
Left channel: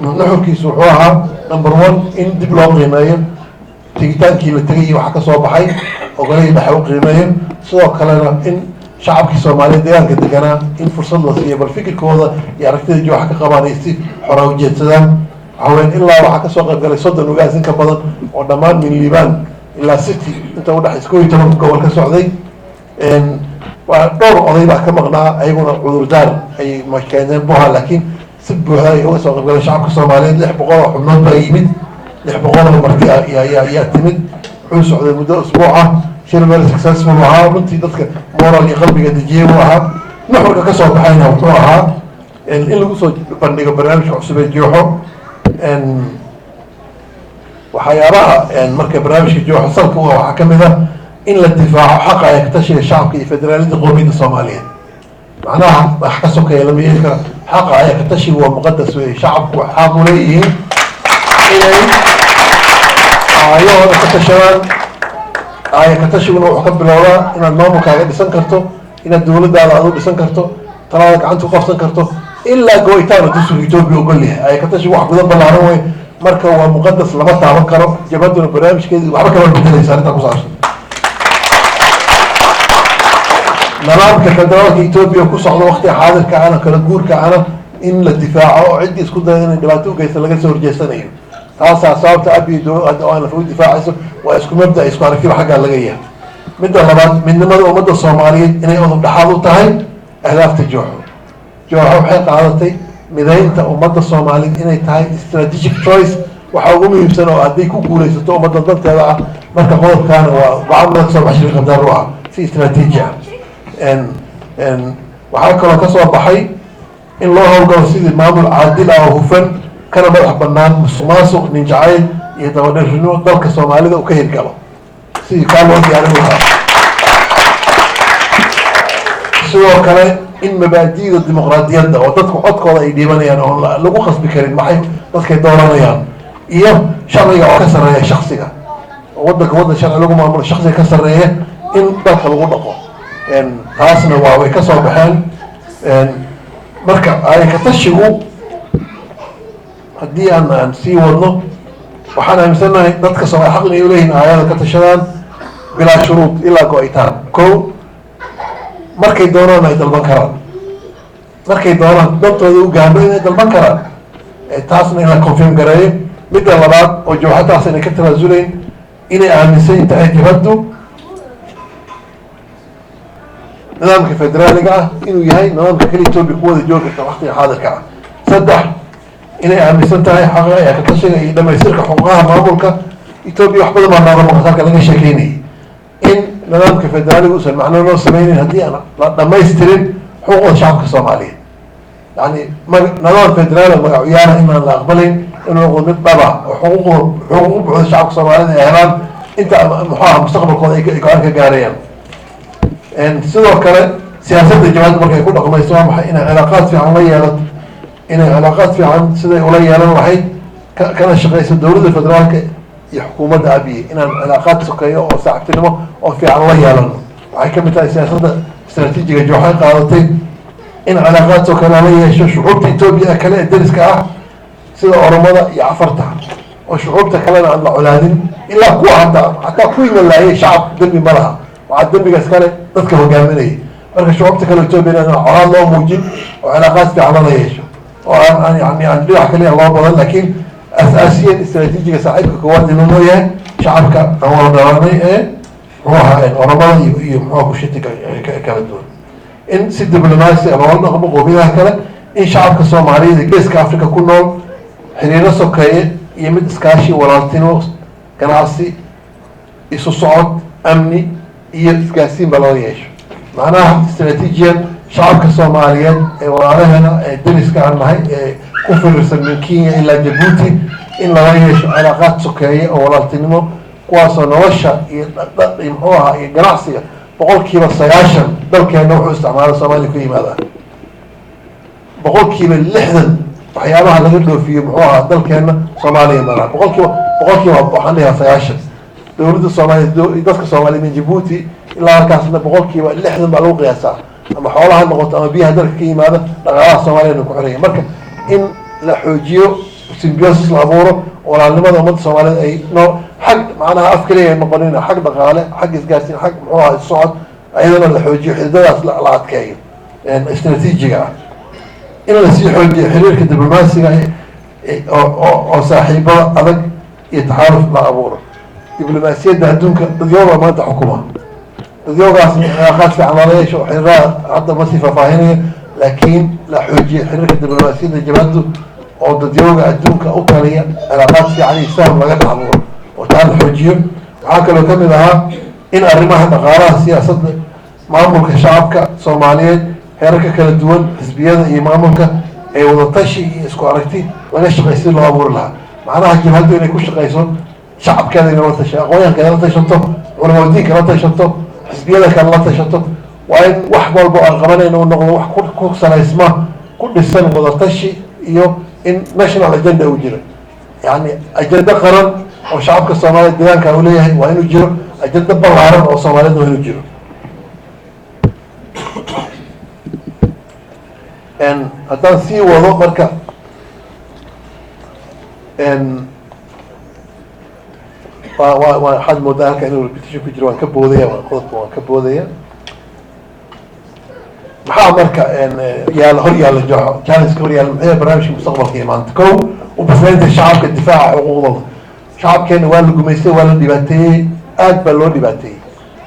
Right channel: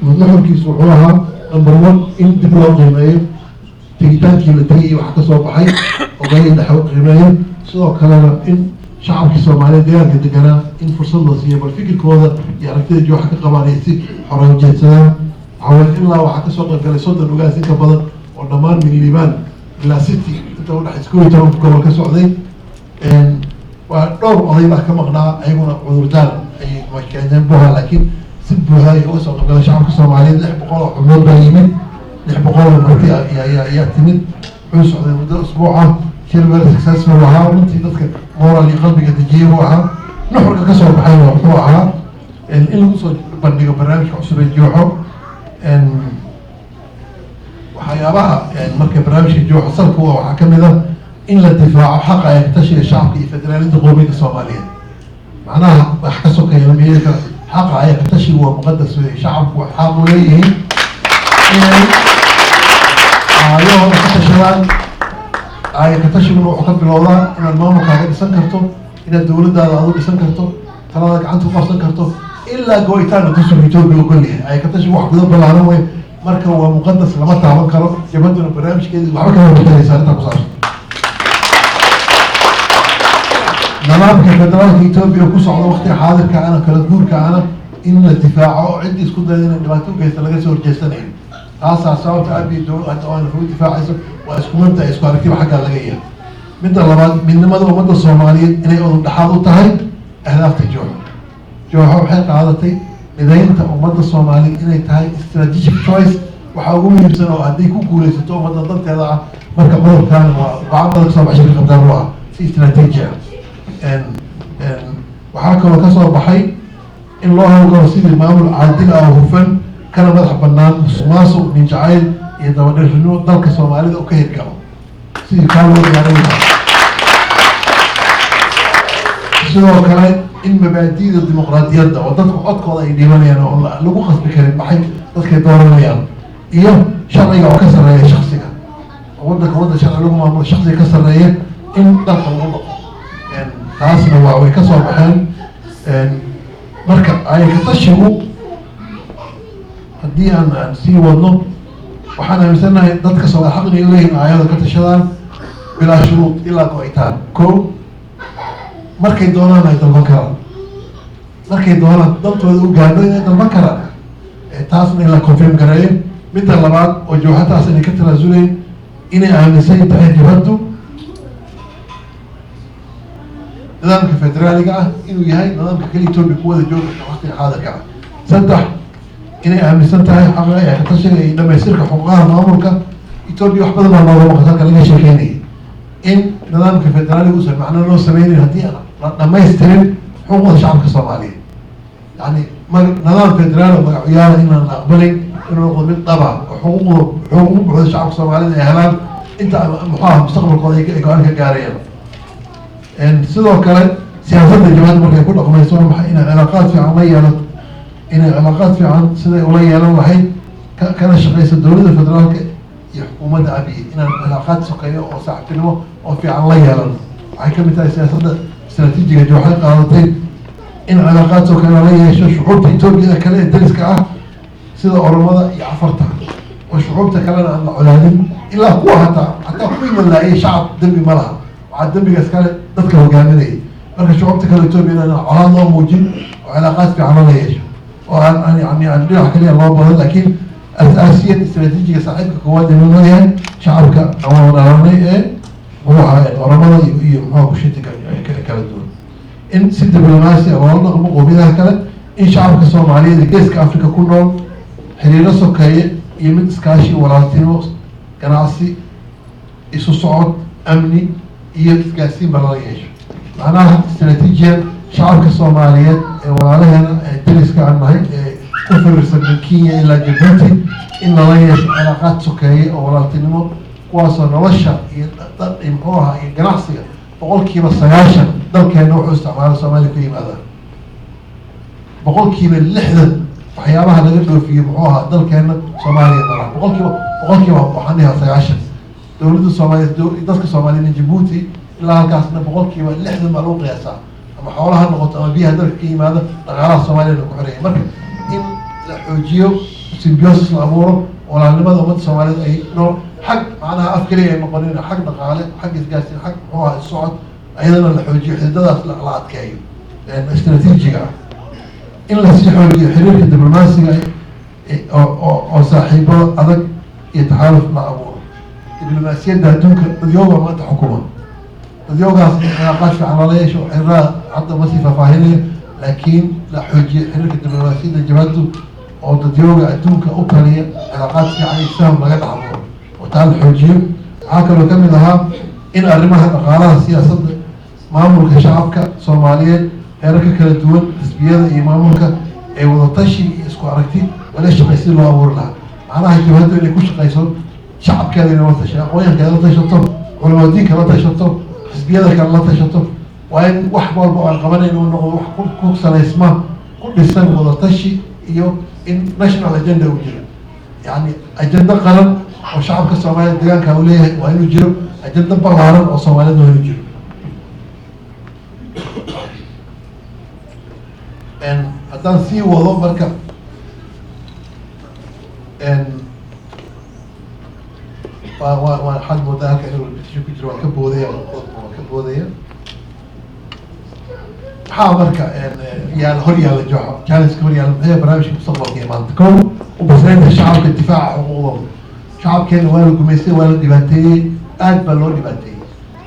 nuxurkiisu wuxuu ahaa number 1 in dib loo qiimeeyo tegitaankii la tegay iyo waxa kasoo baxay ogolihii dhexe u qiimeeyo sidoo kalena in shacabkii soomaaliyeed deegaanka deganaa in fursad la siiyo bal fikirkooda iyo aragtida jooxa ka qabaan ay si xora ujeedsadaan waxaa ilaa waxaa kasoo qayb galay 30 ugaas in ka badan oo dhammaan min liibaan ilaa city inta udhex 11 gobol ka socday waa dhowr oday baa ka maqnaa ayaguna cudurdaar ay keeneen buha laakiin buuxda uga soo qaybgalay shacabka Soomaaliyeed 600 xubnood baa yimid 600 marti ayaa timid wuxuu socday muddo usbuuca shir very successful ahaa runtii dadka moral iyo qalbiga dejiyay ahaa nuxurka ka soo baxayna wuxuu ahaa in lagu soo bandhigo barnaamij cusub ee jooxo waxyaabaha marka barnaamijka jooxo salka waxaa ka mid ah in la difaaco xaqa ay ka tashiga shacabka iyo federaalida qowmiyadda Soomaaliyeed macnaha wax ka sokeeya lama yeeli karo xaqa ay ka tashiga waa muqadas weeye shacabku xaq u leeyihiin inay ayagoo ka tashadaan ay ka tashiguna wuxuu ka bilowdaa inaad maamulkaaga dhisan karto inaad dowladdaada aad u dhisan karto talaada gacanta ku qabsan karto ilaa gooyitaana dastuurka Itoobiya ogol yahay ay ka tashiga wax gudan ballaaran wey marka waa muqadas lama taaban karo jabaduna barnaamijkeedii waxba kama bedelaysa arrintaa ku saabsan nidaamka federaalka Itoobiya ku socda waqtiga xaadirka ana kala guurka ana in la difaaco oo cidii isku dayda inay dhibaato u geysto laga soo horjeesanayo taasaa sababta abi dowladda oo aan lagu difaacayso waa isku mabda isku aragtiba xagga laga yahay midda labaad midnimada ummadda Soomaaliyeed inay udub dhaxal u tahay ahdaafta jooxo waxay qaadatay mideynta ummadda Soomaaliyeed inay tahay strategic choice waxa ugu muhiimsan oo haddii ku guulaysato ummadda danteeda ah marka qodobkaana waa gacmo soo baxay qabdaan ruuxa si istiraatiiji ah waxaa kaloo ka soo baxay in loo howlgalo sidii maamul caadil ah oo hufan kana madax bannaan musuqmaasuq nin jacayl iyo dabadhashnimo dalka Soomaalida uu ka hirgalo sidii kaa loo diyaarin lahaa sidoo kale in mabaadi'da dimuqraadiyadda oo dadku codkooda ay dhiibanayaan oo lagu khasbi karin maxay dadkay dooranayaan iyo sharciga oo ka sarreeya shakhsiga oo waddan sharci lagu maamulo shakhsiga ka sarreeya in dalka lagu dhaqo taasna waa way ka soo baxeen marka ay ka tashigu haddii aan sii wadno waxaan aaminsanahay dadka Soomaali xaq inay u leeyihiin aayada ka tashadaan bilaa shuruud ilaa go'itaan kow markay doonaan ay dalban karaan markay doonaan dantooda u gaarno inay dalban karaan taasna in la confirm gareeyo midda labaad oo jooxataas inay ka tanaasulayn inay aaminsan tahay dibaddu nidaamka federaaliga ah inuu yahay nidaamka kale Itoobiya ku wada joogi karta waqtiga xaadirka ah saddex inay aaminsan tahay xaqa ay ka tashiga iyo dhamaystirka xuquuqaha maamulka Itoobiya wax badan baa looga maqalka laga sheekeynayay in nidaamka federaaliga uusan macno loo sameynin haddii aan la dhamaystirin xuquuqda shacabka Soomaaliyeed yani nidaam federaal oo magacyada inaan la aqbalin inuu noqdo mid dhaba oo xuquuq buuxda shacabka Soomaalida ay helaan inta muxuu mustaqbalkooda ay go'aan ka gaarayaan sidoo kale siyaasadda jawaabta markay ku dhaqmayso waa maxay inay cilaaqaad fiican la yeelato inay cilaaqaad fiican siday ula yeelan lahayd kana shaqeyso dowladda federaalka iyo xukuumadda abiy inaan cilaaqaad sokeeyo oo saaxiibtinimo oo fiican la yeelano waxay ka mid tahay siyaasadda istaraatiijiga jooxay qaadatay in cilaaqaad sokeeyo la yeesho shucuubta Itoobiya kale ee dariska ah sida Oromada iyo Afarta oo shucuubta kalena aan la colaadin ilaa kuwa hataa kuwii laayay shacab dambi ma laha waxaa dambigaas kale dadka hogaaminayay marka shucuubta kale Itoobiya inaan colaad loo muujin oo cilaaqaad fiican la yeesho oo aan yani dhinac kaliya loo badan laakiin asaasiyan istaraatiijiga saaxiibka koowaad inuu loo yahay shacabka dhawaanay ee muxuu ahaa Oromada iyo muxuu bulshada kala duwan in si diblomaasi ah loola dhaqmo qowmiyadaha kale in shacabka Soomaaliyeed ee geeska Afrika ku nool xiriiro sokeeye iyo mid iskaashi walaaltinimo ganacsi isu socod amni iyo isgaarsiin baa loo yeesho macnaha istaraatiijiyan shacabka Soomaaliyeed ee walaalaheena ee dariska aan nahay ee ku firirsan min Kenya ilaa Djibouti in lala yeesho cilaaqaad sokeeye oo walaaltinimo kuwaasoo nolosha iyo muxuu ahaa iyo ganacsiga 90% dalkeena wuxuu isticmaala Soomaaliya ka yimaadaan 60% waxyaabaha laga dhoofiyo muxuu ahaa dalkeena Soomaaliya mara 100% waxaan leeyahay 90 dowladda Soomaaliya dadka Soomaaliya min Djibouti ilaa halkaasna 60% baa lagu qiyaasaa ama xoolaha noqoto ama biyaha dalka ka yimaada dhaqaalaha Soomaaliya ku xiran marka in la xoojiyo symbiosis la abuuro walaalnimada ummadda Soomaaliyeed ay xag macnaha af kaliya noqonin xag dhaqaale xag isgaarsiin xag muxuu ahaa socod ayadana la xoojiyo xididadaas la adkeeyo istaraatiijiga ah in la sii xoojiyo xiriirka diblomaasiga oo saaxiibo adag iyo taxaaluf la abuuro diblomaasiyadda adduunka dadyooga maanta xukuma dadyoogaas cilaaqaad fiican lala yeesho xiriirada hadda ma sii faahfaahinaya laakiin la xoojiyo xiriirka diblomaasiyadda jabhaddu oo dadyooga adduunka u kaliya cilaaqaad fiican iyo isfaham laga dhaxbuuro oo taa la xoojiyo. waxaa kaloo ka mid ahaa in arrimaha dhaqaalaha siyaasadda maamulka shacabka soomaaliyeed heerarka kala duwan xisbiyada iyo maamulka ee wadatashi iyo isku aragti laga shaqay si loo abuuri lahaa. macnaha jabhaddu inay ku shaqayso shacabkeeda inay la tashato, aqoonyahankeeda la tashato, culamo diinka la tashato, xisbiyada kale la tashato. waa in wax walba aan qabanayna uu noqdo wax ku salaysma ku dhisan wadatashi iyo in national agenda uu jiro, yani ajenda qaran oo shacabka soomaaliyeed deegaanka uu leeyahay waa inuu jiro, ajenda ballaaran oo soomaaliyeed waa inuu jiro. haddaan sii wado marka waxaad moodaa halka inuu repetition ku jiro, waan ka boodaya qodobka waan ka boodaya. maxaa marka yaala hor yaalla jooxo challenge-ka hor yaalla maxay barnaamijka mustaqbalka iyo maanta kow u basnaynta shacabka difaaca xuquuqdooda. shacabkeena waa la gumaystay, waa la dhibaateeyey, aad baa loo dhibaateeyey.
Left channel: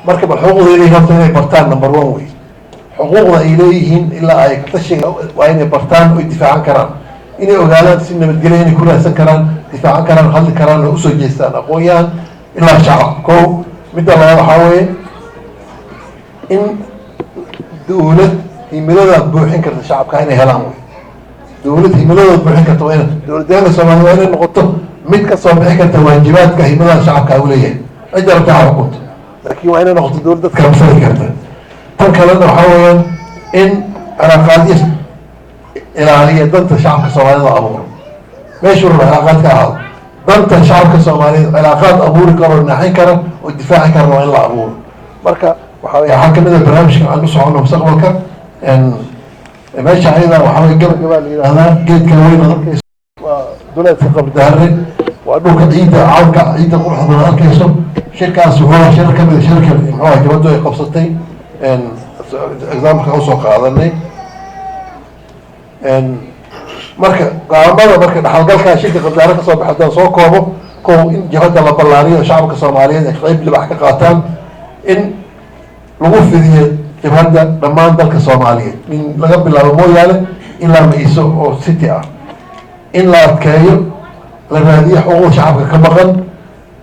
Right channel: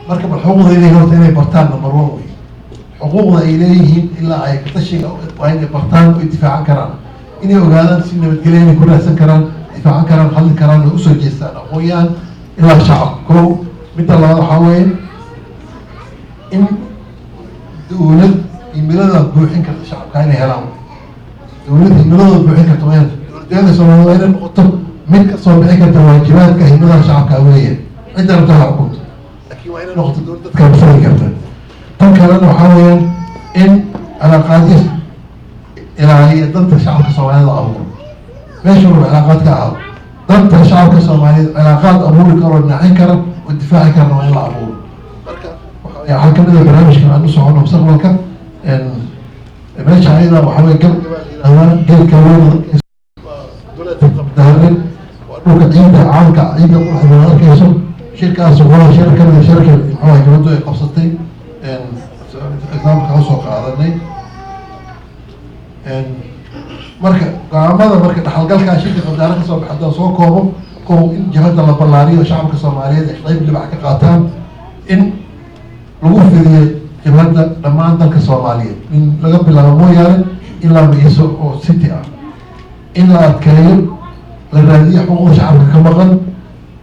marka bal xuquuqdeeday horta inay bartaan number one wey. xuquuqda ay leeyihiin ilaa ay katashiga waa inay bartaan oy difaacan karaan, inay ogaadaan si nabadgelya inay ku raadsan karaan, difaacan karaan, hadli karaan, oo usoo jeestaan aqoon-yahan ilaa shacab. kow midda labaad waxaa weeye in dawlad himiladooda buuxin karta shacabka inay helaan wey. dawlad himiladooda buuxin karta waa dowladdeena soomaaliya waa inay noqoto mid ka soo bixi karta waajibaadka himadaha shacabka u leeyahay. cidda rabtaa ha xukunto, laakiin waa inay noqoto dowlad dadka habsani karta. tan kalena waxaa weeyaan in cilaaqaadyo ilaaliya danta shacabka soomaaliyed oo abuuro. meeshuu raba cilaaqaad ka ahaado, danta shacabka soomaaliyeed cilaaqaad abuuri karo, naaxin kara oo difaaci karana waa in la abuuro. marka waxaa kamid ah barnaamijka aan u socono mustaqbalka. meesha ayada waxaa wey gabagabaa la yihahdaa geedka weyn arkayso waa duleedka qabdaare, waa dhulka ciidda caamka ciidda quruxda badan arkayso. shirkaas wuxuu shir kamid shirka muxuuha jabaddu ay qabsatay exampleka usoo qaadanay. marka go'aamada marka dhaxalgalkaa shirka qabdaare kasoo baxa haddaan soo koobo, kow in jabhadda la ballaariyo shacabka soomaaliyeed ay qayb libax ka qaataan, in lagu fidiyo jabhadda dhammaan dalka soomaaliyeed in laga bilaabo mooyaane ilaa mayso oo city ah, in la adkeeyo la raadiyo xuquuqda shacabka ka maqan,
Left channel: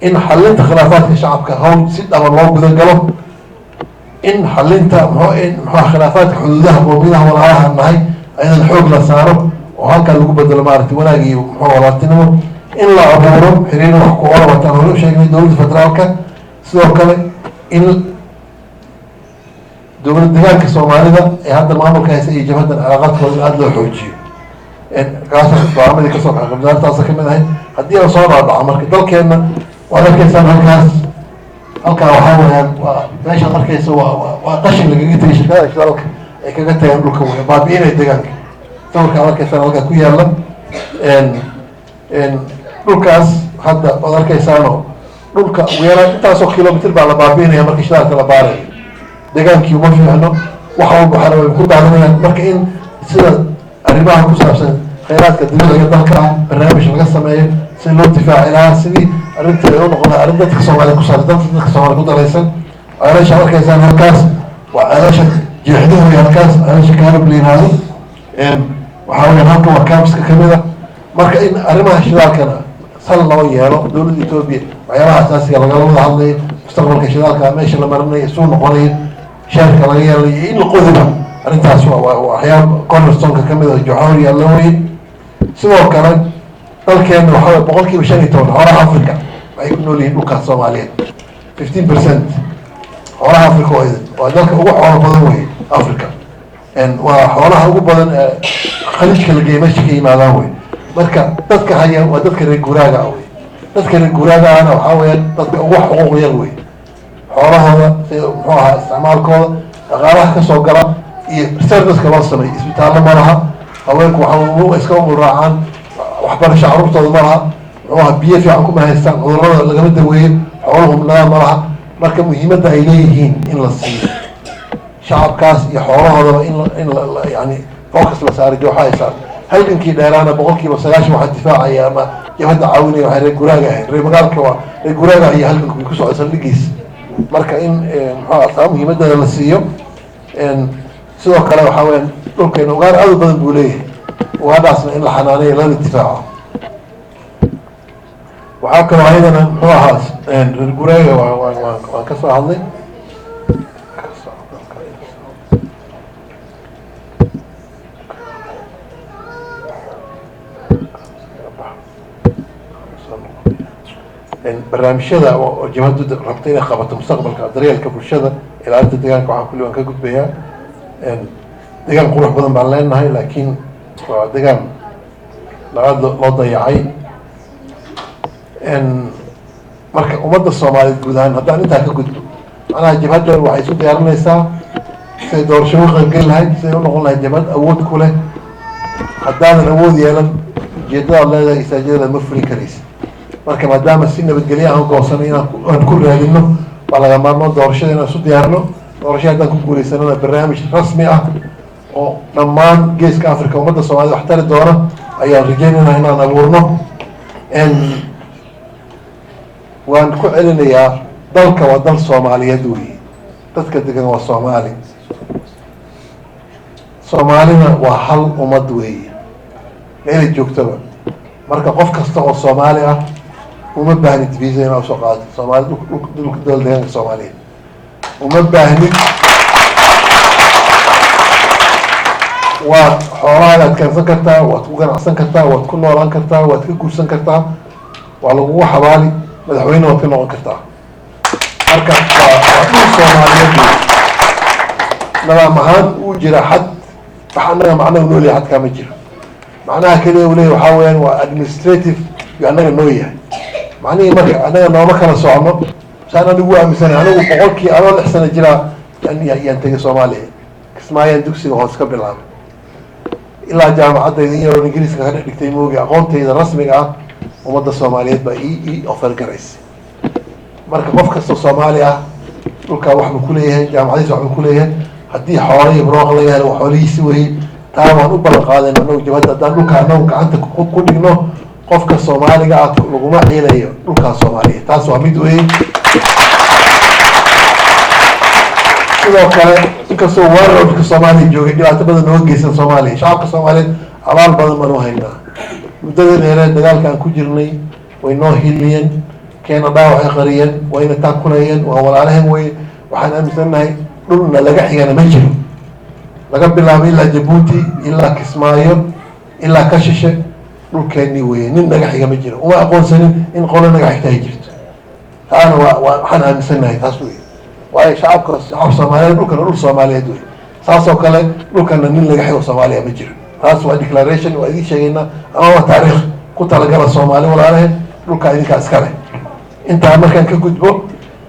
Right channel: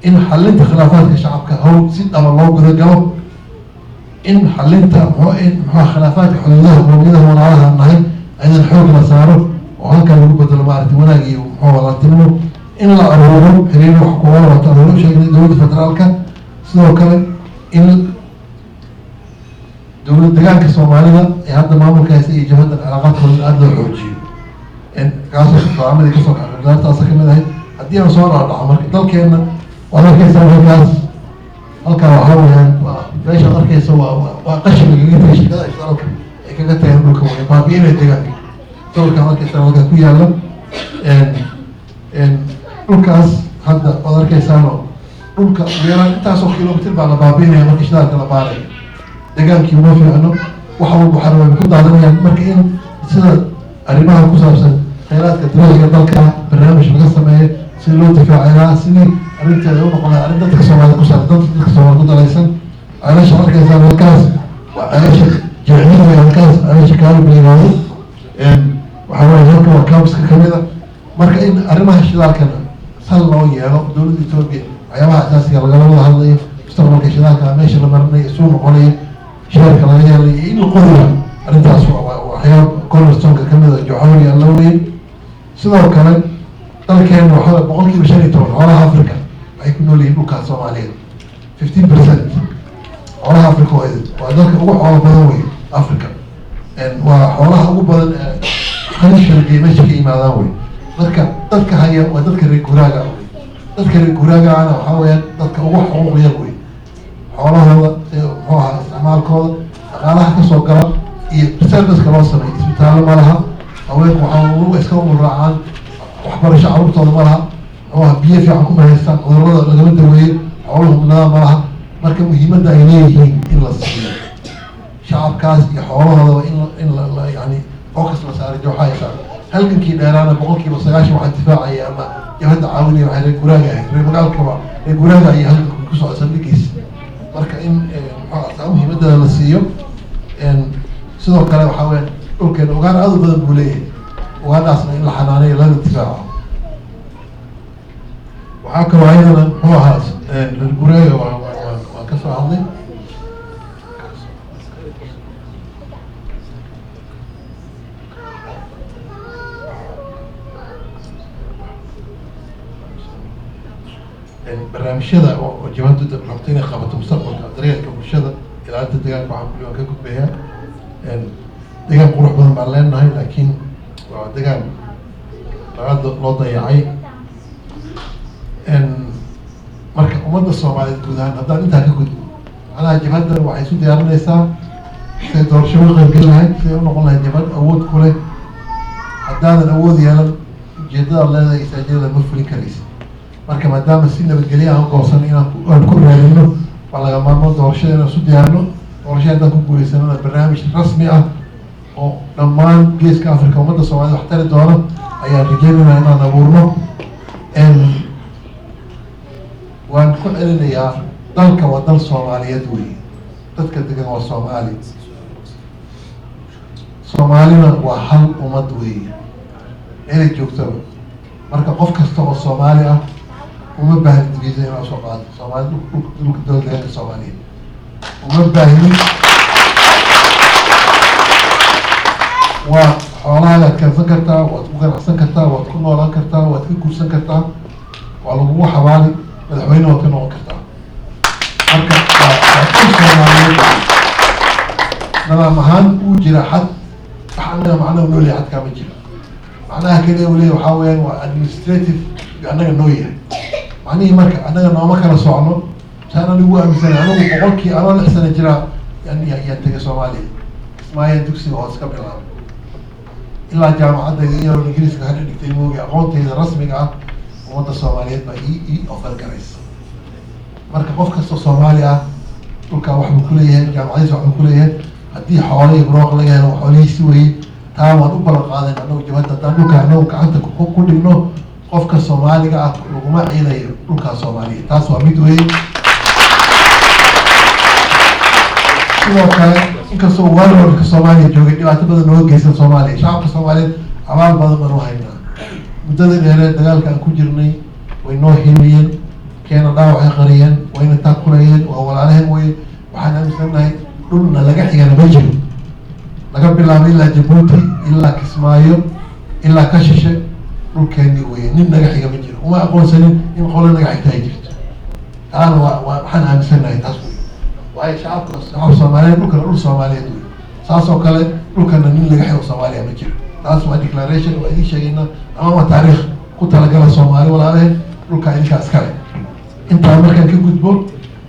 in xalinta khilaafaadka shacabka hawl si dhaba loo guda galo, in xalinta muxua khilaafaadka xuduudaha qowmiyadaha walaalaha nahay ayadan xoog la saaro oo halkaa lagu bedelo maaragtay wanaag iyo muxua walaaltinimo, in la abuuro xiriir wax ku ola wataan hore u sheegnay dowladda federaalka. sidoo kale in dowlad deegaanka soomaalida ee hadda maamulka haysa iyo jabhadan cilaaqaadkooda aada loo xoojiyo. kaasoo go'aamadii kasoo baxay qabdaartaasa kamid ahay. haddii aan soo dhaadhaco marka dalkeena waad arkaysaan halkaa waxaa weyaan waa meeshaad arkaysa waa qashin lagaga tegay shirkada dalka ay kaga tageen dhulka wey baabi'inay deegaanka. sawirkaad arkaysaan halkaa ku yaala dhulkaas hadda waad arkaysaanoo dhulka ugu yaraan intaasoo kilomitr baa la baabi'inaya marka shidaalka la baarayo. deegaankii uma fiicno, wax walba waxaana way ku daadanayaan. marka in sida arrimaha ku saabsan khayraadka dibadda dalka barnaamij laga sameeyo si loo difaaci lahaa, sidii arrinteeda u noqda arrin dadka soomaaliya ku saabsan, dadka soomaaliya ku dalaysan. ceelasha arkaysaan halkaas waa ceelasha jeexdihu iyo halkaas ceelasha kaalib la yimaado. waxaa weya halka waa camska kamid a. marka in arrimaha shidaalkana sal loo yeelo dowladda etoobiya waxyaabaha asaasiga lagala wada hadlayo, mustaqbalka shidaalka meesha la marinayo suu noqonayo, sheerka laga yeelayo in la qodiba arrintaas waa waxyaaba cornerstonka kamid a joxoor yaalla weye. sidoo kale dalkeena waxaa wey 15% xoolaha africa waxay ku nool yihiin dhulkaas soomaaliyeed. 15% xoolaha africa waa dalka ugu xoolo badan wey africa. waa xoolaha ugu badan ee khaliijka la geeya meesha ka yimaadaan wey. marka dadka haya waa dadka reer guuraaga wey. dadka reer guuraagaana waxaa weya dadka ugu xuquuq yar wey. xoolahooda muxuu ahaa isticmaalkooda dhaqaalaha kasoo gala iyo serviceka loo sameey isbitaallo ma laha, haweenku waxaa iska umuraacaan, waxbarasho carruurtooda ma laha, muxuu ahaa biyo fiican kuma haystaan, cudurrada lagama daweeyo, xooluhu nada ma laha. marka muhiimadda ay leeyihiin in la siiyo shacabkaas iyo xoolahoodaba in yani focus la saaro jooxa ay saar. halgankii dheeraana 90% waxaa difaacaya ama jabhadda caawinaya waxay reer guraaga ahayd. reer magaalka waa reer guraaga iyo halganku ku socodsan dhigiis. marka in muxuu ahaa muhiimadana la siiyo. sidoo kale waxaa weeyaan dhulkeena ugaar aad u badan buu leeyahay ugaadhaasna in la xanaaneeyo lana difaaco waxaa kaloo ayadana muxuu ahaa reer gureega waan ka soo hadlay barnaamijyada oo jabhaddu rabta inay qabato mustaqbalka daryeelka bulshada ilaalinta deegaanka waxaa kulli waan ka gudbayaa deegaan qurux badan baan leenahay laakiin waa deegaan laga loo dayacay marka ummadda soomaaliyeed guud ahaan haddaan intaa ka gudbo macnaha jabhadda waxay isu diyaarinaysaa siday doorasho u qaybgeli lahayd siday u noqon lahayd jabhad awood ku leh haddaanan awood yeelan ujeedadaad leedahay isaajadada ma fulin karaysa marka maadaama si nabadgelyo aan goobsanay inaan ku raadino waa laga maarmo doorashada inaan isu diyaarino doorasho haddaan ku guuleysanana barnaamij rasmi ah oo dhammaan geeska africa ummadda soomaaliyed wax tari doona ayaan rajeynayna inaan abuurno waan ku celinayaa dalka waa dal soomaaliyeed wey dadka degan waa soomaali soomaalina waa hal ummad weeye meelay joogtaba marka qof kasta oo soomaali ah uma baahni dibiisa inaa usoo qaado soomaali dhulka dowlad deegaanka soomaaliyeed uma baahnin waad xoolahaagaad keensan kartaa waad ku ganacsan kartaa waad ku noolaan kartaa waad ka guursan kartaa waa lagugu xabaali madaxweyne waad ka noqon kartaa marka waa dhul soomaaliyeed nadaam ahaan uu jira xad wax annaga macnaha noo leeyahay xadkaa ma jiro macnaha keliya uu leeyahay waxaa weeyaan waa administrative iyo annaga noo yahay macnihii marka annaga nooma kala socno saan anigu aaminsanay anigu boqolkii anoo 6 sano jiraa yaan tegay soomaaliya kismaayaan dugsiga hoos ka bilaabay ilaa jaamacadayda in yaroo ingiriiska ka dhigtay moogi aqoontayda rasmiga ah ummadda soomaaliyeed baa ii ofar garaysa marka qof kastoo soomaali ah dhulkaa waxbuu ku leeyahay jaamacadiisa waxbuu ku leeyahay haddii xoolo iyo barwaaq laga helo xoolihiisi weye taa waan u ballan qaadayna anagu jabhadda haddaan dhulkaa anagu gacanta ku dhigno qofka soomaaliga ah laguma ciilayo dhulkaa soomaaliya taas waa mid weye sidoo kale inkastoo wararka soomaaliya joogay dhibaato badan nooga geysan soomaaliya shacabka soomaaliyeed abaal badan baan u haynaa muddada dheeree dagaalka aan ku jirnay way noo hilmiyeen keena dhaawacay qariyeen wayna taakulayeen waa walaalaheen wey waxaan aaminsanahay dhulna laga xigana ma jiro laga bilaabo ilaa jabuuti ilaa kismaayo ilaa kashishe dhulkeennii weye nin naga xiga ma jiro uma aqoonsanin in qolo naga xigta ay jirto taana waxaan aaminsanahay taas wey waayo shacab soomaaliyeed dhulkana dhul soomaaliyeed wey saasoo kale dhulkana nin laga xigo soomaaliya ma jiro taas waa declaration waa idiin sheegaynaa ama waa taariikh ku talagala soomaali walaalaheen dhulkaa idinkaa iskale intaa markaan ka gudbo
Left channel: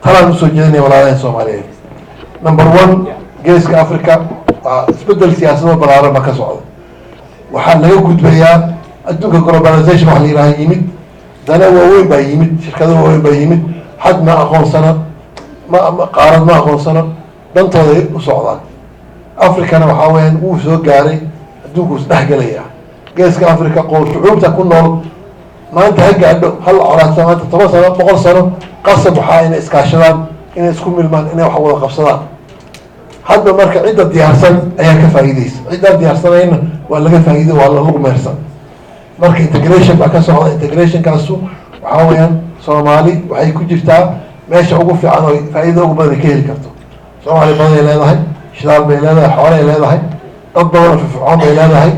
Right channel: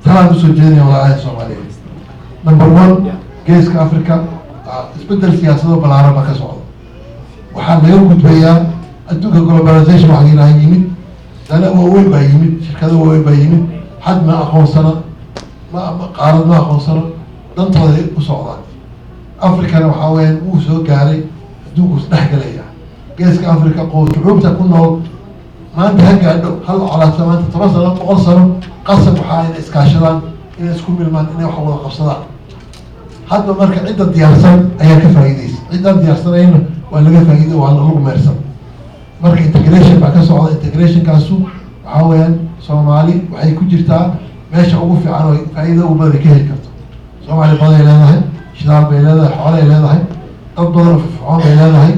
talaan usoo jeedinaya walaalaheen soomaaliyeed number 1 geeska africa isbedel siyaasado balaaran ba ka socda waxaa laga gudbayaa adduunka globalization waxa la yidhaha yimid dana waaweyn baa yimid shirkado waaweyn baa yimid xad ma aqoonsana qaarad ma aqoonsano dantooday u socdaan africana waxaa weeyaan wuu soo gaaray adduunku isdhexgelaya geeska africa shucuubta ku nool maanta ha gaadho hal colaadsa maanta 10 sano 100 sano qasab waxaa inay iskaashadaan inay isku milmaan inay wax wada qabsadaan hadda marka cidda diyaarsan ayaa ka faa'iidaysa ciddaan diyaarsanayna waa laga faa'iiday waa lagu meersan marka integration baa ka socda integrationkaasu waxaa weeyaan soomaali waxay ku jirtaa meesha ugu fiican oo faa'iida ugu badan ka heli karto soomaali badan ay leedahay shidaal bay leedahay xoolo ay leedahay dad badan firfircoon bay leedahay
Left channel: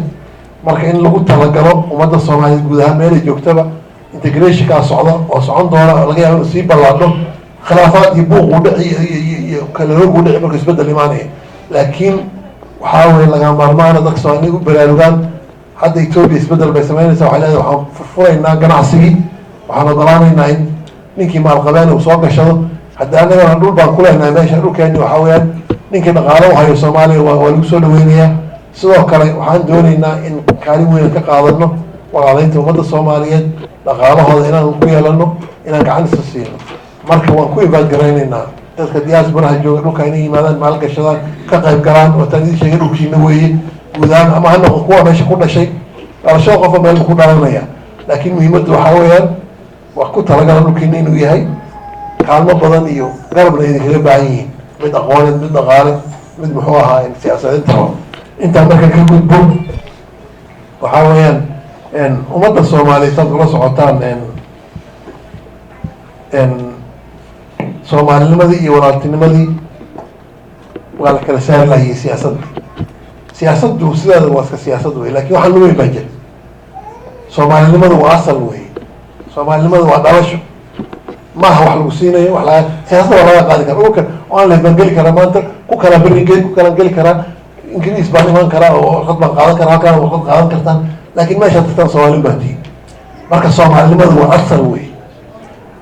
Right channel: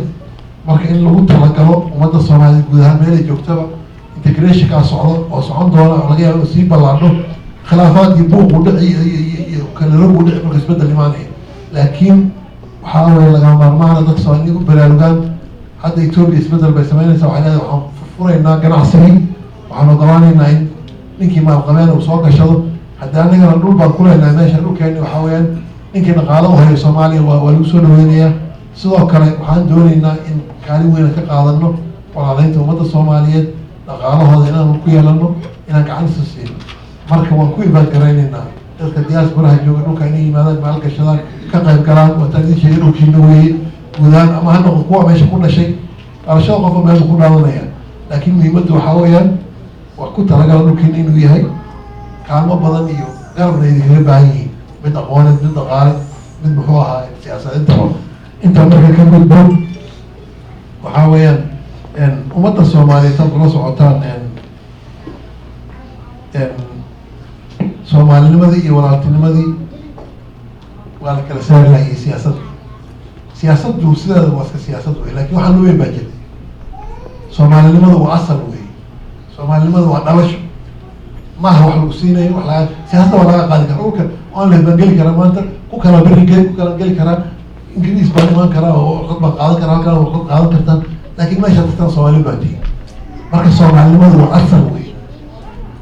marka in lagu talagalo ummadda soomaaliyeed guud ahaan meelay joogtaba integrationkaa socda oo socon doona oo laga yaabo sii ballaadho khilaafaad iyo buuqu dhici iyo kalalogu dhici marka isbeddel imaanaya laakiin waxaa weye laga maarmaana dadka soomaaliyeed u baraarugaan hadda Ethiopia isbeddel bay samaynaysaa waxay leedahay waxaan furfuraynaa ganacsigii waxaan ogolaanaynaa in ninkii maalqabeen uu soo gashado hadda annagana dhul baan ku leenahay meesha dhulkeeni waxaa weeyaan ninkii dhaqaalo u hayo soomaaliya waa lagu soo dhaweynayaa sidoo kale waxaan doonaynaa in kaalin weyna ka qaadano walaalaynta ummadda soomaaliyeed dhaqaalahooda inaan ku yeelano inaan gacan isa siino marka waan ku ibaadgaraynaynaa dadka diasporaha jooga dhulka inay yimaadaan maalgashadaan ka qayb galaan oo taan idin sheegay dhulkiina weeye guudaan ama ha noqon kuwa meesha ku dhashay dhalashada qofa meel ku dhalanaya laakiin muhiimaddu waxaa weeyaan waa ku talagala dhulkiina inuu yahay kaalmo badan iyo garabna idinkaga baahan yihiin mid aqooneed mid dhaqaale mid muxuu ahaa siyaasadeed intaa marka ka gudbo waxaa weeyaan ummadda soomaaliyeed saad ula socotaan soomaalinimadii iyo walaaltinimadii waa la kala saari lahayay siyaasaddu sideeda waa iska siyaasad wey, lakin waxaa weyn baa jira. soomaalinimadu waa asal wey, soomaalinimadu waa dhalasho, maaha wax lagu siinayo wax laga siyaasada waa laga qaadi kara. dhulka waan la bangeli karaa maanta, ku kala berigeli ku kala geli karaa, ingiriis baan iman karaa oo warqad baan qaadan karaa, halkaan warqad qaadan kartaan, laakin meesha dadkan soomaali baa tihin. marka soomaalinimadu waa asal wey,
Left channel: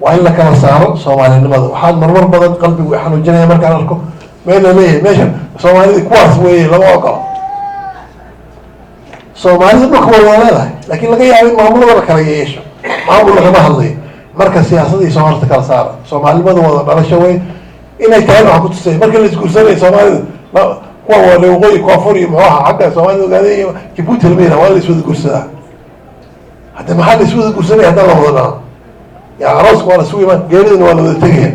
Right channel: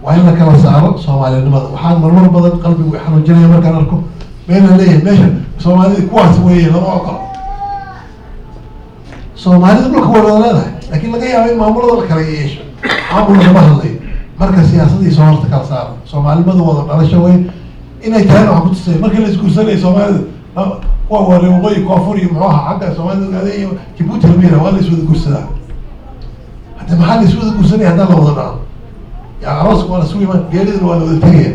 waa in la kala saaro soomaalinimada. waxaan marmar badan qalbigu xanuujinaya markaan arko meel la leeyahay meesha soomaalida kuwaas weye lama ogolo. soomaalida dhulka waa wada leedahay, laakin laga yaaba in maamulada la kala yeesho, maamul lagama hadlayo. marka siyaasadii soomaalida kala saara, soomaalinimada wada dhalasho wey inay tahay waxaan kutusay. marka la isguursanay soomaalida kuwa wale waqooyi koonfur iyo muxuu ahaa xagga soomaalida ogaadey iyo jabuuti lameyna waa la iswada guursadaa. hadda maxaa la iswada guursanaya haddaan la wada dhalan? ya arooska waa la sugi imaan, geeridana waa la wada tegaya.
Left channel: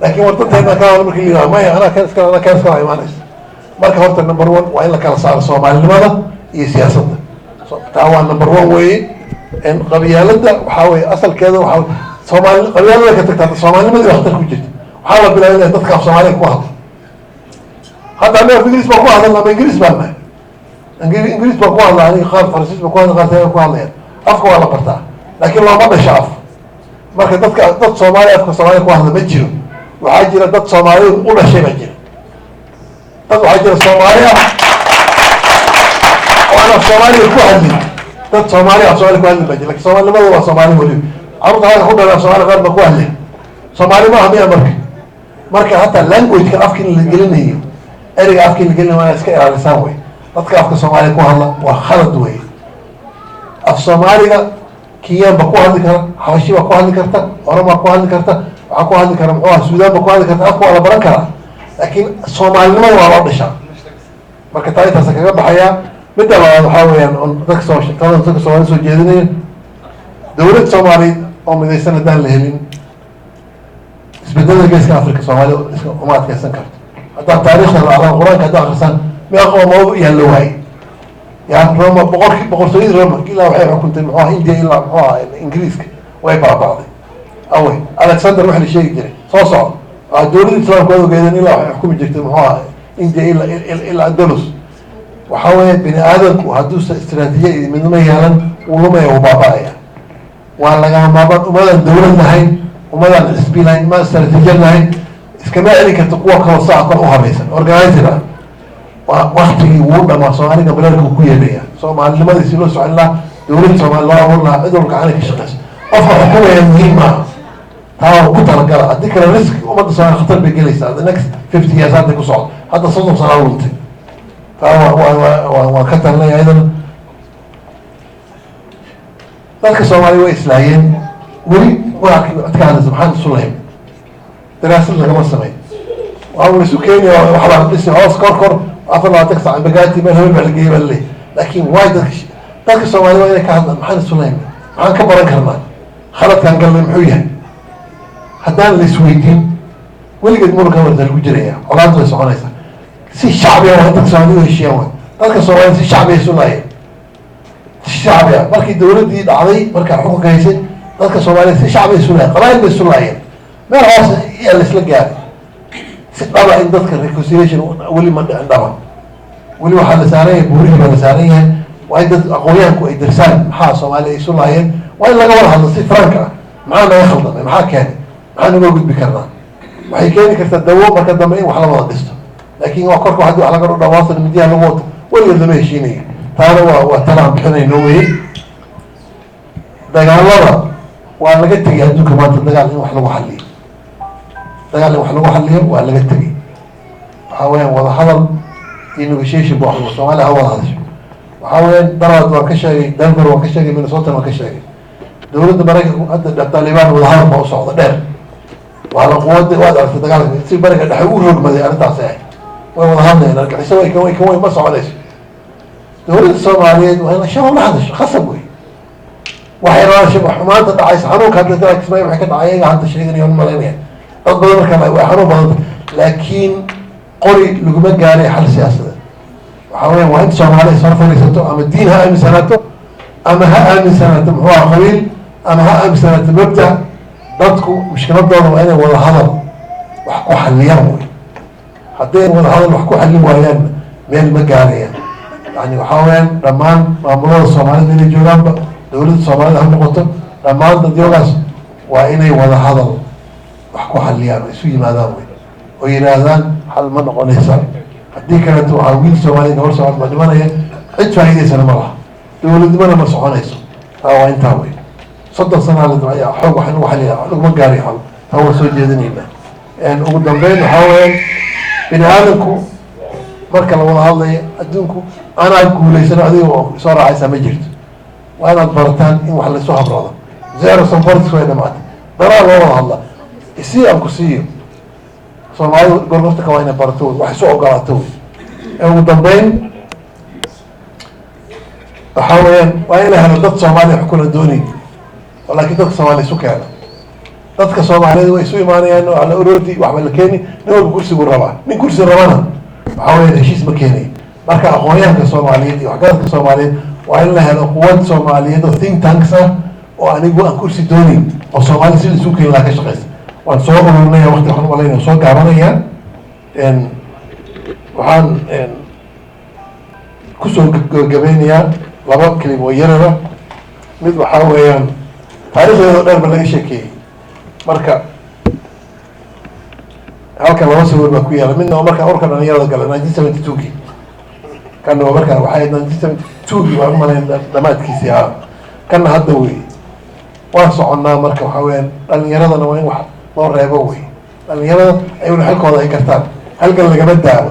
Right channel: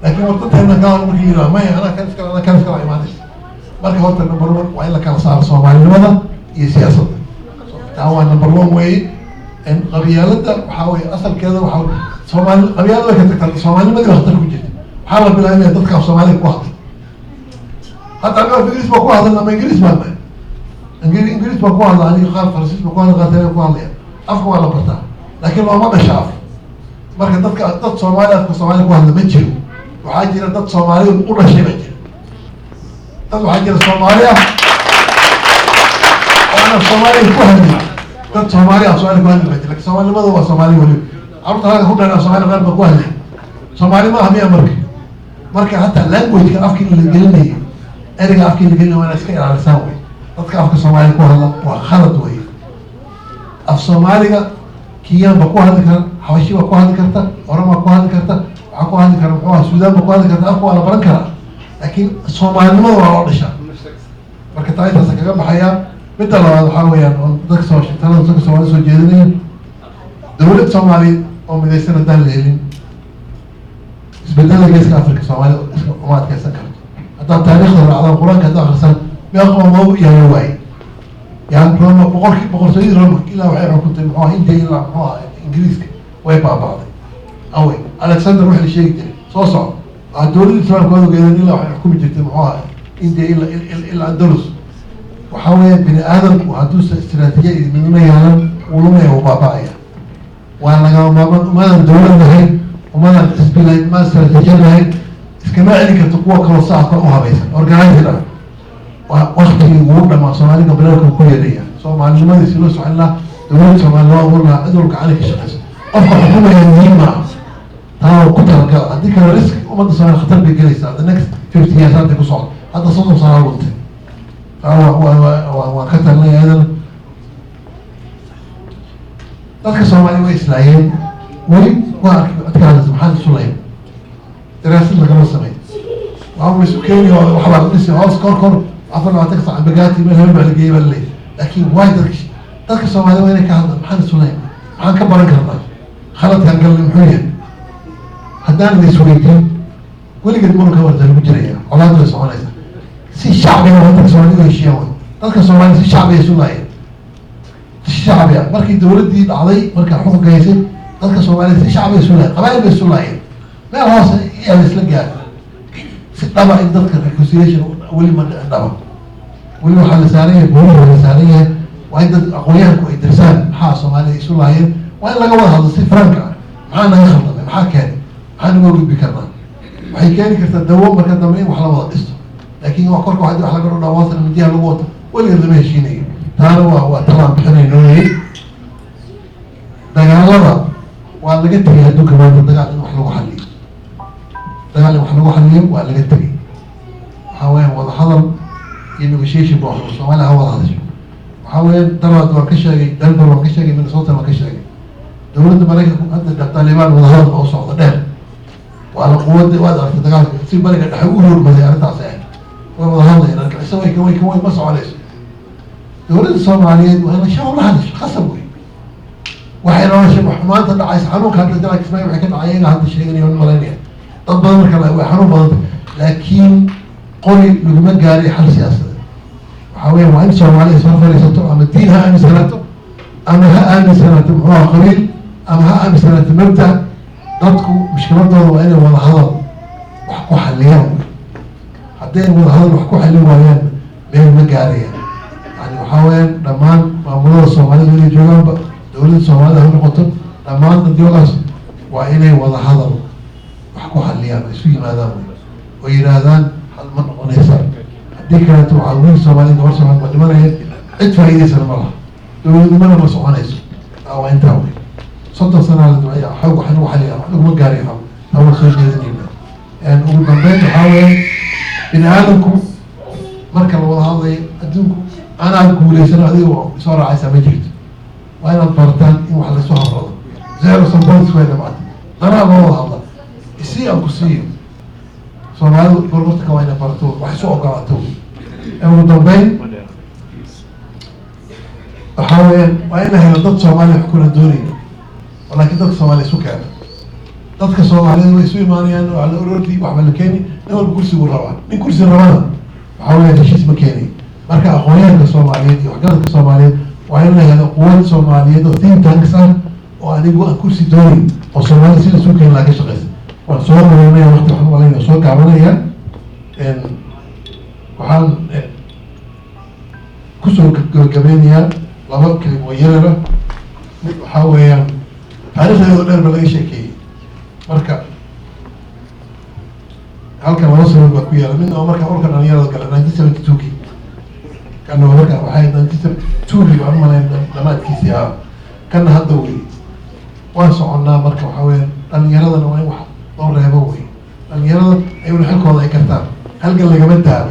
laakin wadanteena ka hada marki la yidhaha maya anaa kan iskala imaanaysa. marka horta number one waa in la kala saaro soomaalinimada iyo siyaasadda. taa waa number one weye. qabyaalada waxaa weye asalkeeda waa soomaali qabyaalada ka tagtaa soomaalinimadii waktar ku jirta. waxaa la bilaabay inay dadka af soomaaliya ku hadla. hadda aniga ingiriis baan ku hadlan ama ingiriis baan nahay, ingiriis baan ku hadla, aniga qaar faransiis baan ku hadla, qaar ku hadlaya. afka waa la bartaa, laakin looma dhasho af. marka dad soomaali afka soomaaliya ku hadla ma jiro. waxaa jira dad soomaaliya u dhashay ba jira. dad waxaa jira soomaaliya oo aan af soomaaliya ku hadlin. dad soomaaliya af soomaaliya ku hadlin ba jira, lakin soomaalinimadu waa soomaali weliba. carurta halka ku dhalan af soomaaliya qaar ba ku hadlay. soomaali maaha miya marka hataa languageka afka in la gelinayo, ereyga afka in la gelinayo waa iska ilaalisaan wey. dadka afka soomaaliya ku hadla waa khalad wey. af soomaaliga kenyan ba ku hadli kara, xabashi baa ku hadli karta, oromaa ku hadli karta, waxaa ku hadli kara muxuu aha suudaan ba ku hadli karta. afka waa la baran karaa, laakin soomaalinimada waa loo dhishaa. marka taa intaasa kaga baxayaa. midda labaad waxaa weeyaan on dadka soomaalida soo jeedinaya, dawlad soomaaliyeed oo midaysan haddaan la helin, isbedelada geeska africa soomaalida uma adkeysan karto. haddaad taarikhda raacdaan qur-aanka hadda akrisaan meeqa qoomood yaa la waayay. yani roma boqortooyadii roma ilaa waxay xukuntay muxuu aha india ilaa muxuu aha ingiriiska way baaba'day. awe alexander wax la sheegi jiray soo socdo dawladda islaamka waad ogeedeen ilaa waxay xukumi jirtay muxuu aha india ilaa andalus. waxaa weeye bini aadamku hadduusa istraatiijiya iyo midnimo yeelan uu lumaya uu baaba'aya. waa lagama maarmaan umadan dawlad lahayn, umadan xisbi lahayn, umadan istraatiijiya lahayn, iskama celin karta kuwa kaloo saacatan u habaysan organizer ah. waktigii wuu dhamaa soomaaliga bilaadka ku yeedhaya. soomaalinimadiisi loo socon lahaa, dawlad soomaali loo abuur lahaa, cid walba gacana ka shaqeyso. qofka xukumaya muhiim maaha, taa ku talagala. haddii kale risk ummadda soomaali khatar bay gelaysaa. the next 50 years hadda ku socdo, hadda 30 sana luntay. taa waa ka talinaya idan. dadka soomaaliya way islaayeen, weli waa codka hadlaysa maxaan isu lahayn, daraasad lagama sameyn. waxaa la isu keenaya waxaa la dhisi hoos kor 24 saac bagaati meel habeen baa la geeyay baa laleeyahay. laakin waay dadka soomaaliya waa inay ka hadlaan maxaan isu lahayn, maxaan ka baran karnaa, khaladkaan galnay muxuu yahay. haddaan la isweydiin weligeed muranka warda lagu jiraya, colaadu way soconaysaa. si shacbiga waa dadka soomaaliya heshiiyaan way. dadka soomaaliya si shacbiga isu laayeen, si shacbiga markii dawladdii dhacday markaa xukunka haysay, dadka soomaaliya si shacbiga isu laayeen, qabaayil bay isu laayeen. meel hoos yaa la isla gaaray. si dhaba in dadka reconciliation weli ma dhicin dhaba. weli waxaa la saaran yahay, buurihii waa la saaran yahay. waa in dad aqoonyahanku ay darsaan maxaa soomaaliya isu laayeen. waa in laga wada hadlo si franka ah, maxaa naga khaldamay, maxaa keenay, maxaa naga gudbi karnaa. waxay keeni kartaa dawo marka dambe in wax la wada dhisto. laakin waa korka hadii wax laga dhawaasana midiyaha lagu wato weligeed lama heshiinayo. taana waa talaan bixinayno wey. dagaalada waa laga tegay adduunka maanta, dagaal in wax lagu xaliyo, dagaal in wax lagu xaliyo waa laga tegay. waxaa weyaan wada hadal iyo negotiation ba wax soomaaliya ha wada hadasho. waxaa weyaan dalaad waan ka sheegay, denver waan ka sheegay, minnesota waan ka sheegay. dawladda maraykanku hadda taliban wada hadal baa u socda dheer. waana quwada waad aragtay dagaalka si bariga dhexe u roogmaday arrintaasi ahay. way wada hadlayaan, argaxiso way kan ma soconayso. dawladda soomaaliyeed waa ina shaba la hadasho, khasab wey. waxay rabaan shaba xumaanta dhacaysa, xanuunka hadda dalka ismaail waxay ka dhacay ayaga hadda sheeganaya malaynaya. dad badan markaa way xanuun badanta. laakiin قولي لقمة قاري حل سياسة وحاول وانت صومالي صرف رئيسته أما الدين ها أمي سنته أما ها أمي سنته هو قبيل أما ها أمي سنته مبدأ dadku mushkiladooda waa inay wada hadal wax ku xaliyaan wey hadday wada hadal wax ku xallin waayaan meel ma gaarayaan yani waxaa weyaan dhammaan maamulada soomaalida inay joogaanba dowladda soomaalida ha noqoto dhammaan dadyoogaas waa inay wada hadal wax ku xaliyaan isu yimaadaan wey oo yidhaahdaan xal ma noqonaysa haddii kaleeto waxaa wiil soomaaliya gabar soomaalid baa dhimanaya cid faa'iidaysana ma laha dowladnimana ma soconayso taa waa intaa wey صدق سنة على الدعاء حب وحنا وحلي لقمة قاري حب هو سوي جدنينا يعني وقدام بين حاول إن هذاكم مركز والله هذا أدونكم أنا أقول ليس أنا هذه صار عايز مجرد وأنا برتان إن وحلا سوها برضه زيرو سنفرد شوية دمعت ترى والله الله يصير أم كسير صار معي قررت كمان برتون وحسوا قرأتون وقدام بين حاول وأنا هذا ضد صومالي حكون الدوني ولكن dadka Soomaaliya isu keena dadka Soomaaliyeed way isu imaanayaan oo ala ururti wax wala keeni dad kursi uu rabaa nin kursi rabana waxa weeye heshiis ma keenay marka aqoonyahanka Soomaaliyeed iyo waxgaradka Soomaaliyeed waa in la helo quwad Soomaaliyeed oo think tanks ah oo anigu aan kursi doonin oo Soomaaliya si isu keen la ka shaqeysa waan soo ururnay waqti waxaan walaynaa soo gaabanayaan waxaan ku soo gabagabeynayaa laba kelimo yarada mid waxa weeyaan taariikhdeeda dheer ba laga sheekeeyey marka halkan laba sabab baa ku yaala midna waa markaa urka dhalinyarada gala 1972kii kana waa markaa waxay 1972kii waan umalayn dhamaadkiisii ahaa kana hadda wey waan soconnaa marka waxaa weeyaan dhalinyaradana waa in wax loo reebo wey dhalinyarada ayuna xilkooda ay kartaan halkan lagama daabo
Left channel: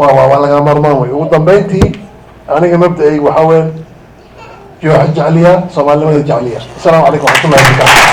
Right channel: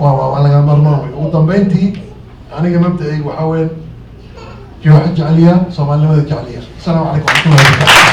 waa laga marmaan wey ugu dambeyntii aniga mabda-aygu waxaa weeyaan جوح الجعلية صومالي ما الجعلية السلام عليكم ورحمة الله وبركاته